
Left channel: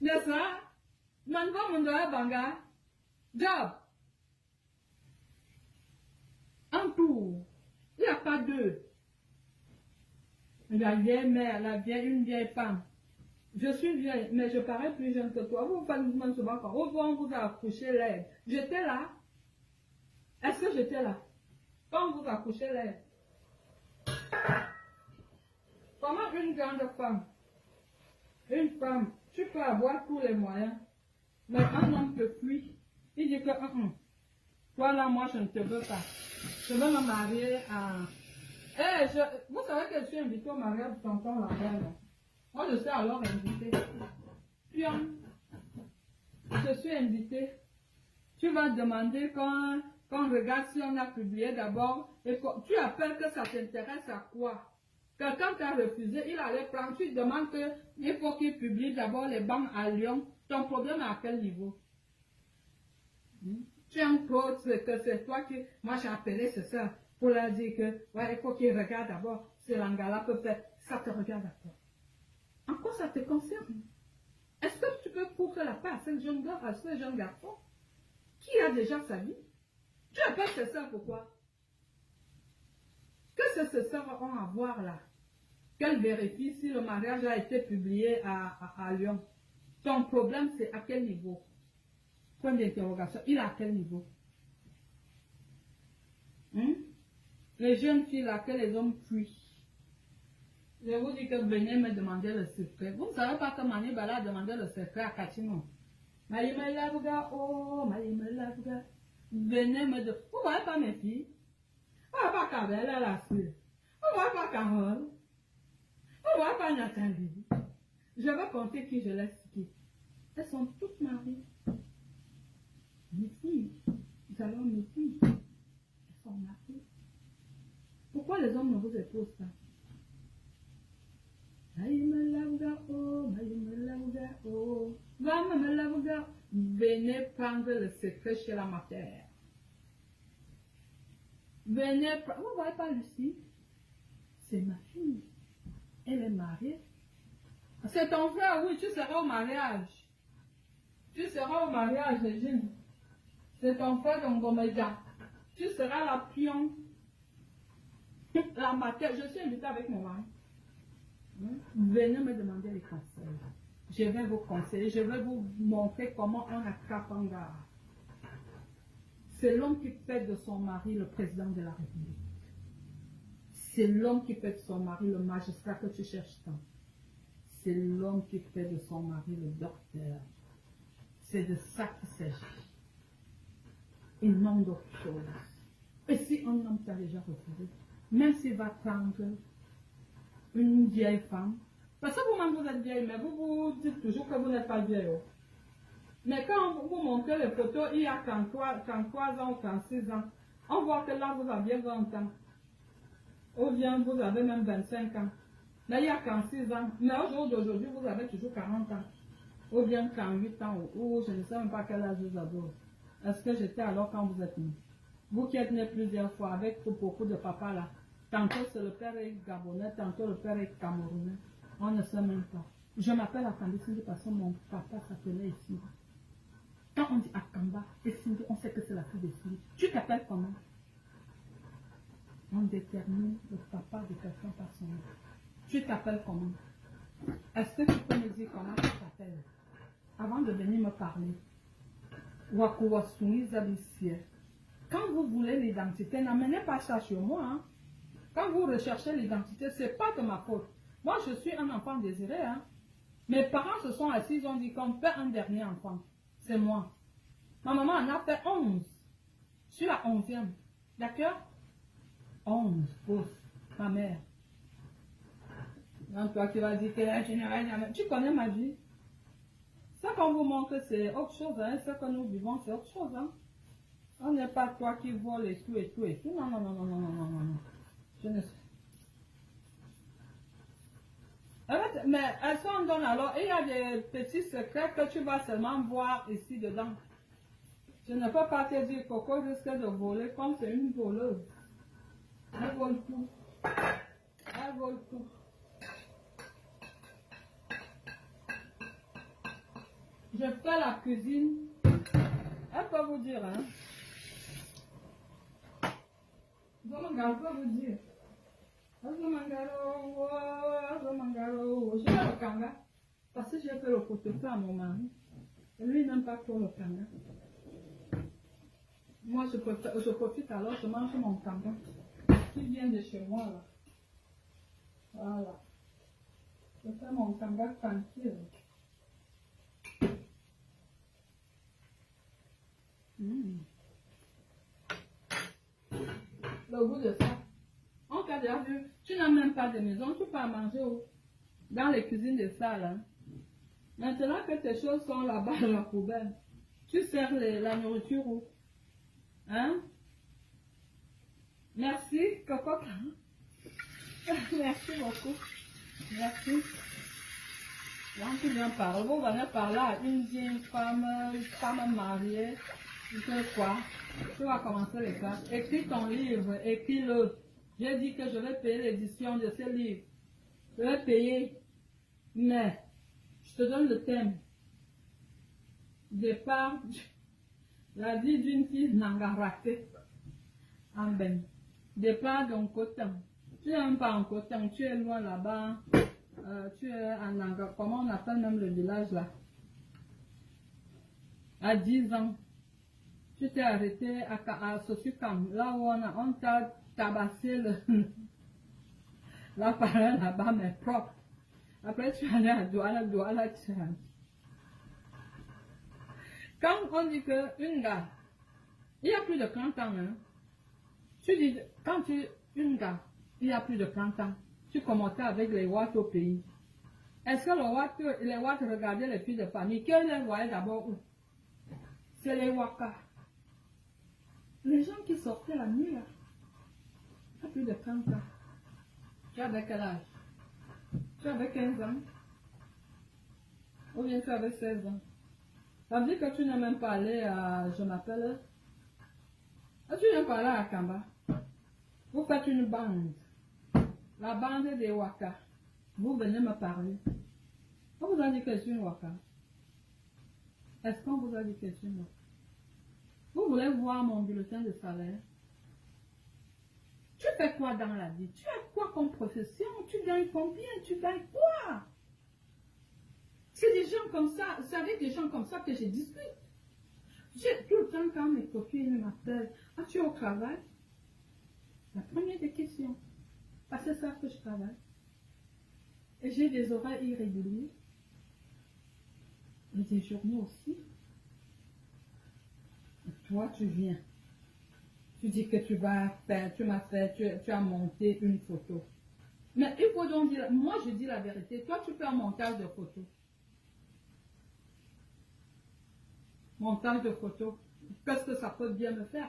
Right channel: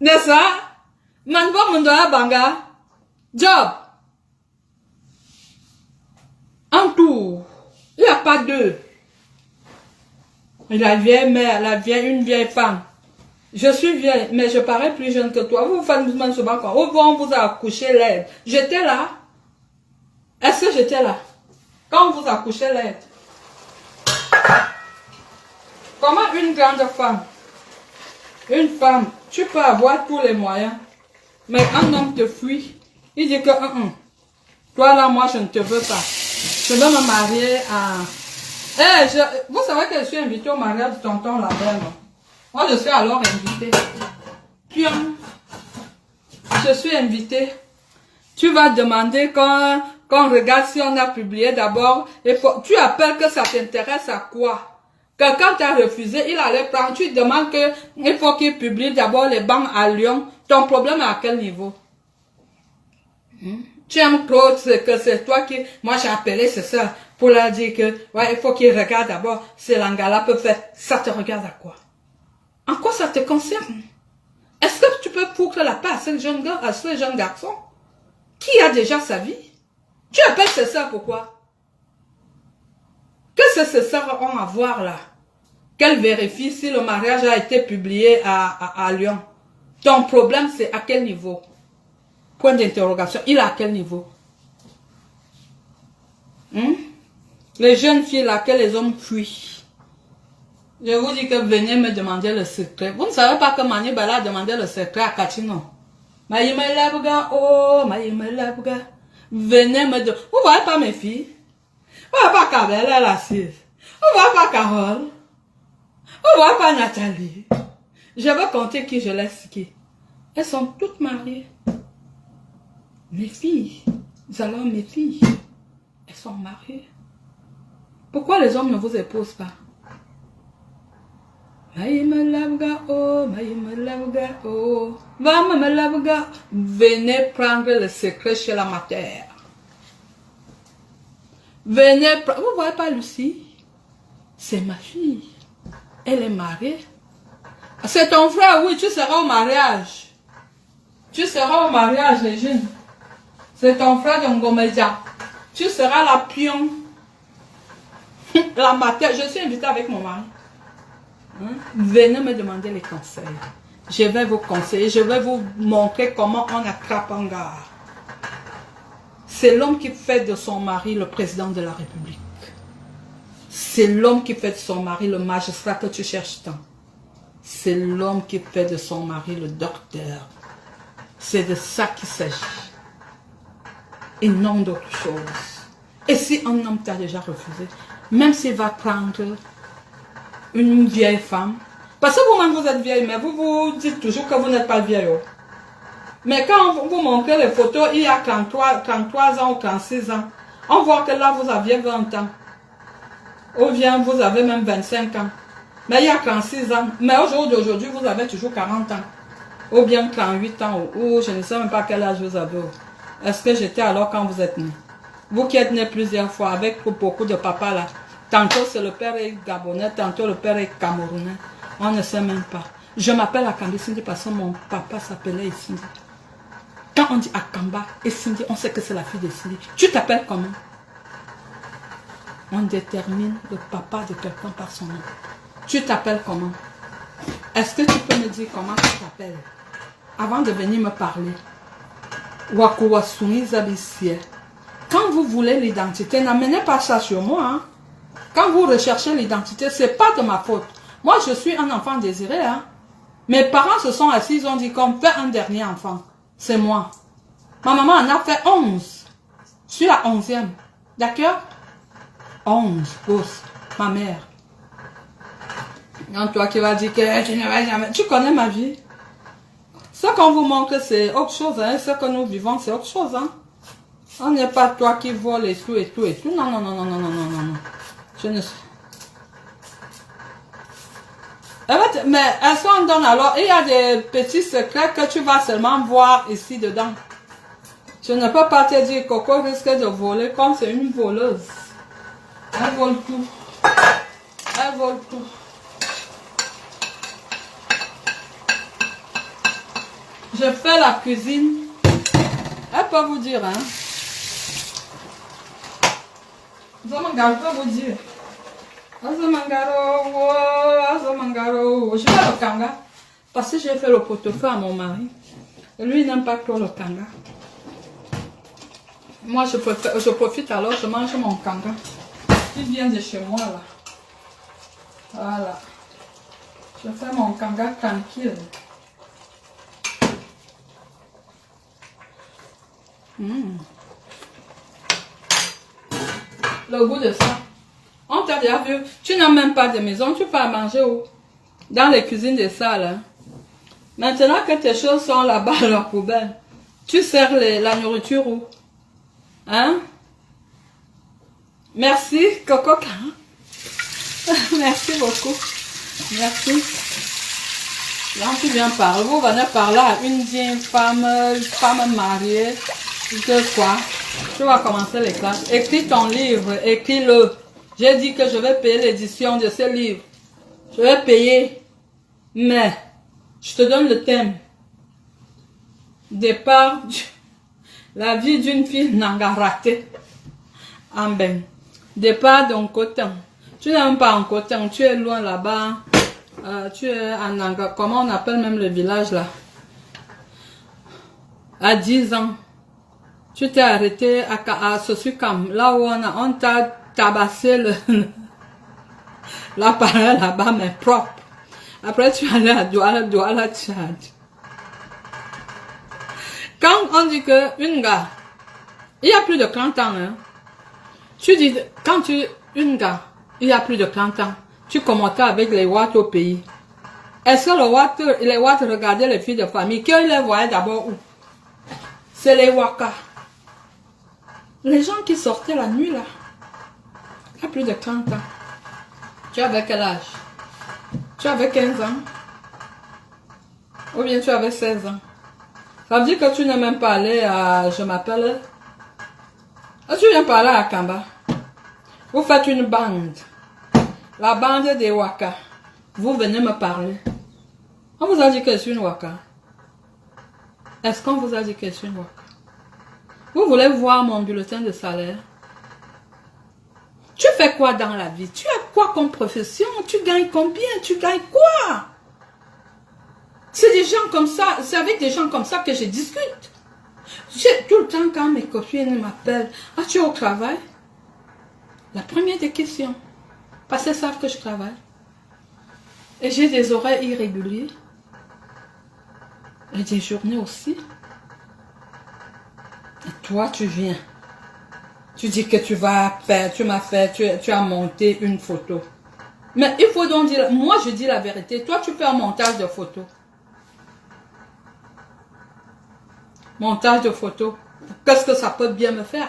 N'est-ce pas? Manbo Mondoa Banga. Job. Un tour. Il n'y a pas deux. La vieille mère, une vieille femme. Je suis vieille, mais je parais plus jeune que toi. Vous faites souvent quoi? Au revoir, on vous a accouché l'aide. J'étais là. Est-ce que j'étais là? Quand on vous a accouché l'aide. Comment une grande femme, une femme, tu peux avoir tous les moyens, mais un homme te fuit. Il dit que, toi là, moi, je ne te veux pas. Je veux me marier à... vous savez que je suis invitée au mariage de tonton Labelle. Moi, je suis alors invitée. Puis, je suis invitée. Tu vas demander quand regarde si on a publié d'abord. Tu appelles que ça t'intéresse à quoi? Quelqu'un t'a refusé, il allait prendre. Tu demandes qu'il faut qu'il publie d'abord les banques à Lyon. Ton problème est à quel niveau? Tu aimes Claude, que c'est toi qui... Moi, j'ai appelé, c'est ça, pour leur dire que, ouais, il faut qu'il regarde d'abord si l'Angala peut faire. Ça te regarde à quoi? En quoi ça te concerne? Est-ce que tu peux foutre la paix à ce jeune gars, à ce jeune garçon qui a déjà sa vie? Tu appelles c'est ça pourquoi? Qu'est-ce que ces sœurs ont à voir là? Qu'elles vérifient si le mariage a été publié à Lyon. Ton problème, c'est à quel niveau? Point d'interrogation. Il est à quel niveau? Les jeunes filles là, que les hommes fuient. Je vous dis que venez me demander le secret. Vous ne savez pas que Mani Bala a demandé le secret à Kachino. Venez me demander. Vous voyez pas mes filles? Vous voyez pas Kabel, elle est assise. Vous voyez pas Carole? Vous voyez pas Nathalie? Je vais compter qui je laisse qui. Elles sont toutes mariées. Mes filles. Alors mes filles. Elles sont mariées. Pourquoi les hommes ne vous épousent pas? Venez prendre le secret chez la matière. Venez prendre. Vous voyez pas Lucie? C'est ma fille. Elle est mariée. C'est ton frère, oui, tu seras au mariage. Tu seras au mariage, les jeunes. C'est ton frère de Ngomedia. Tu seras la pion. La matière. Je suis invitée avec mon mari. Venez me demander les conseils. Je vais vous conseiller. Je vais vous montrer comment on attrape un gars. C'est l'homme qui fait de son mari le président de la République. C'est l'homme qui fait de son mari le magistrat que tu cherches tant. C'est l'homme qui fait de son mari le docteur. C'est de ça qu'il s'agit. Et non d'autre chose. Et si un homme t'a déjà refusé, même s'il va prendre une vieille femme, parce que vous-même vous êtes vieille, mais vous vous dites toujours que vous n'êtes pas vieille. Mais quand vous montrez les photos, il y a 33 ans ou 36 ans, on voit que là vous aviez 20 ans. Ou bien vous avez même 25 ans. Mais il y a 36 ans. Mais au jour d'aujourd'hui, vous avez toujours 40 ans. Ou bien 38 ans. Ou je ne sais même pas quel âge vous avez. Est-ce que j'étais alors quand vous êtes né? Vous qui êtes né plusieurs fois avec beaucoup de papas là. Tantôt c'est le père est gabonais, tantôt le père est camerounais. On ne sait même pas. Je m'appelle Akambi Sindi parce que mon papa s'appelait Sindi. Quand on dit Akamba et Sindi, on sait que c'est la fille de Sindi. Tu t'appelles comment? On détermine le papa de quelqu'un par son nom. Tu t'appelles comment? Est-ce que tu peux me dire comment tu t'appelles? Avant de venir me parler. Wakuwasuni Zabissie. Quand vous voulez l'identité, n'amenez pas ça sur moi. Hein? Quand vous recherchez l'identité, ce n'est pas de ma faute. Moi, je suis un enfant désiré. Hein? Mes parents se sont assis, ils ont dit qu'on fait un dernier enfant. C'est moi. Ma maman en a fait 11. Je suis la 11e. D'accord? 11 gosses. Ma mère. Non, toi qui vas dire que tu ne vas jamais... Tu connais ma vie. Ce qu'on vous montre, c'est autre chose. Hein. Ce que nous vivons, c'est autre chose. Hein. On n'est pas toi qui vole et tout, et tout, et tout. Non, non, non, non, non, non, non, non, non. Je ne sais. Mais est-ce qu'on donne alors? Il y a des petits secrets que tu vas seulement voir ici dedans. Je ne peux pas te dire Coco risque de voler comme c'est une voleuse. Elle vole tout. Elle vole tout. Je fais la cuisine. Elle peut vous dire, hein. Azamangaro peut vous dire. Azamangaro, Azamangaro. Je fais le kanga. Parce que j'ai fait le pot-au-feu à mon mari. Et lui, il n'aime pas trop le kanga. Moi, je profite alors, je mange mon kanga. Il vient de chez moi, là. Voilà. Je fais mon kanga tranquille. Le goût de ça. On t'a déjà vu. Tu n'as même pas de maison. Tu peux à manger où? Dans les cuisines des salles. Hein. Maintenant que tes choses sont là-bas à leur poubelle, tu sers la nourriture où? Hein? Merci, Coco. Merci beaucoup. Merci. Là, tu viens parler. Vous venez parler à une vieille femme mariée. De quoi? Tu vas commencer les classes. Écris ton livre. Écris-le. J'ai dit que je vais payer l'édition de ce livre. Je vais payer. Mais, je te donne le thème. Départ. La vie d'une fille nanga ratée. En ben. Départ d'un coton. Tu n'es même pas en coton. Tu es loin là-bas. Tu es en Nanga. Comment on appelle même le village là? À 10 ans. Tu t'es arrêté à Sosukam. Là où on t'a tabassé l'appareil là-bas, mais propre. Après, tu es allé à Douala, Tchad. Quand on dit que une gars, il y a plus de 30 ans, hein, tu dis, une gars, il y a plus de 30 ans, tu commentais avec les Watt au pays. Est-ce que les Watt regardaient les filles de famille? Qu'ils les voyaient d'abord où? C'est les Waka. Les gens qui sortaient la nuit là, il y a plus de 30 ans. Tu avais quel âge? Tu avais 15 ans? Ou bien tu avais 16 ans? Ça veut dire que tu n'es même pas allé à... Je m'appelle... Tu viens parler à Kamba. Vous faites une bande. La bande des Waka. Vous venez me parler. On vous a dit que je suis une Waka. Est-ce qu'on vous a dit que je suis une Waka? Vous voulez voir mon bulletin de salaire? Tu fais quoi dans la vie? Tu as quoi comme profession? Tu gagnes combien? Tu gagnes quoi? C'est des gens comme ça, c'est avec des gens comme ça que je discute. Tout le temps quand mes copines m'appellent, ah tu es au travail? La première des questions, parce qu'elles savent que je travaille. Et j'ai des horaires irréguliers. Et des journées aussi. Et toi tu viens. Tu dis que tu vas faire, tu as monté une photo. Mais il faut donc dire, moi je dis la vérité, toi tu fais un montage de photos. Montage de photos. Qu'est-ce que ça peut bien me faire?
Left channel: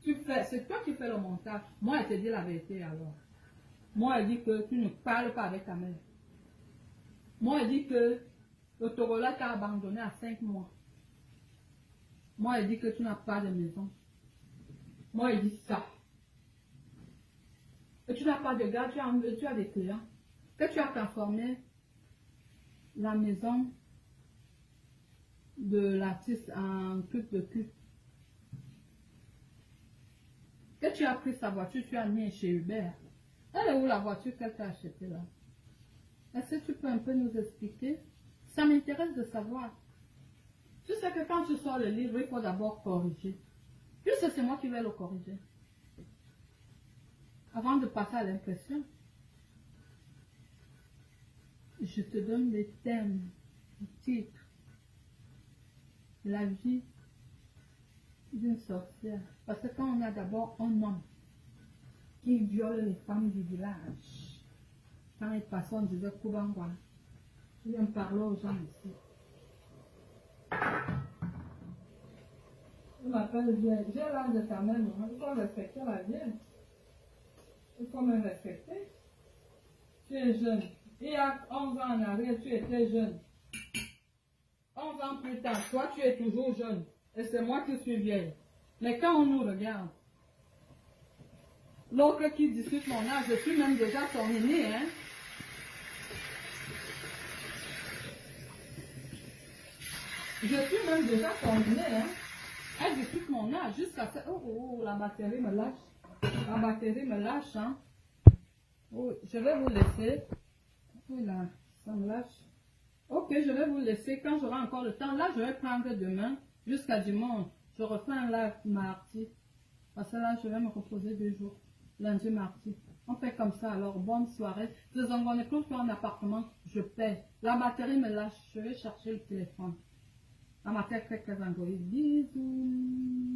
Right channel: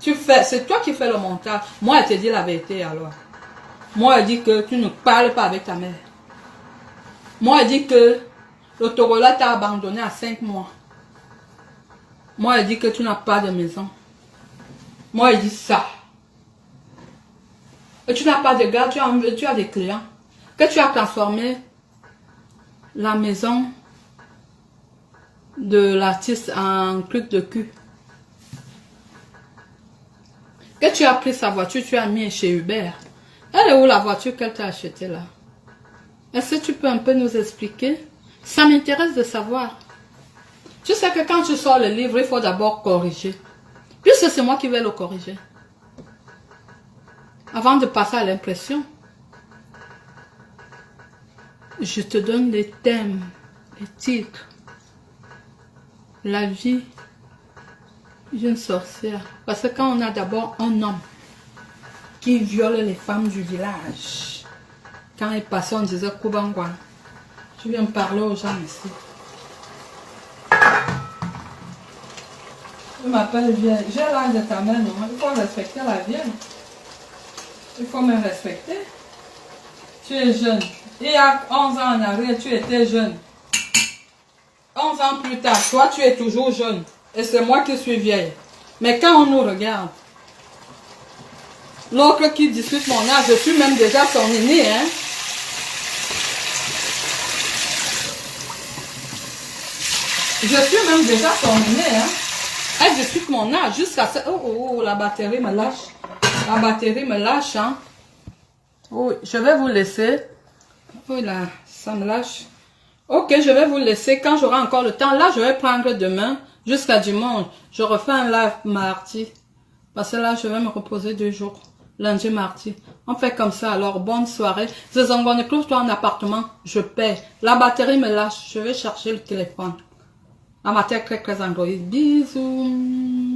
C'est toi qui fais le montage. Moi, elle te dit la vérité alors. Moi, elle dit que tu ne parles pas avec ta mère. Moi, elle dit que l'Autorola t'a abandonné à 5 mois. Moi, elle dit que tu n'as pas de maison. Moi, elle dit ça. Et tu n'as pas de gars, tu as des clients. Que tu as transformé la maison de l'artiste en truc de cul. Que tu as pris sa voiture, tu as mis chez Uber. Elle est où la voiture qu'elle t'a achetée là? Est-ce que tu peux un peu nous expliquer? Ça m'intéresse de savoir. Tu sais que quand tu sors le livre, il faut d'abord corriger. Puisque c'est moi qui vais le corriger. Avant de passer à l'impression, je te donne les thèmes, les titres. La vie Une sorcière. Parce que quand on a d'abord un homme qui viole les femmes du village, quand il passait, on disait Koubangwan. Je viens parler aux gens ici. Je m'appelle vieille. J'ai l'âge de ta mère, non? Il faut respecter la vieille. Il faut me respecter. Tu es jeune. Il y a 11 ans en arrière, tu étais jeune. 11 ans plus tard, toi, tu es toujours jeune. Et c'est moi qui suis vieille. Mais quand on nous regarde, l'autre qui discute mon âge, je suis même déjà son aîné, hein. Je suis même déjà son aîné, hein. Elle discute mon âge jusqu'à ça. Oh, la batterie me lâche. La batterie me lâche, hein. Oh, je vais vous laisser. Oh là, ça me lâche. Ok, je vais vous laisser quand j'aurai encore le temps. Là, je vais prendre demain jusqu'à dimanche. Je refais un live mardi. Parce que là, je vais me reposer 2 jours. Lundi, mardi. On fait comme ça. Alors, bonne soirée. Zezangone, close-toi en appartement. Je paie. La batterie me lâche. Je vais chercher le téléphone. À ma tête, très Android. Bisous.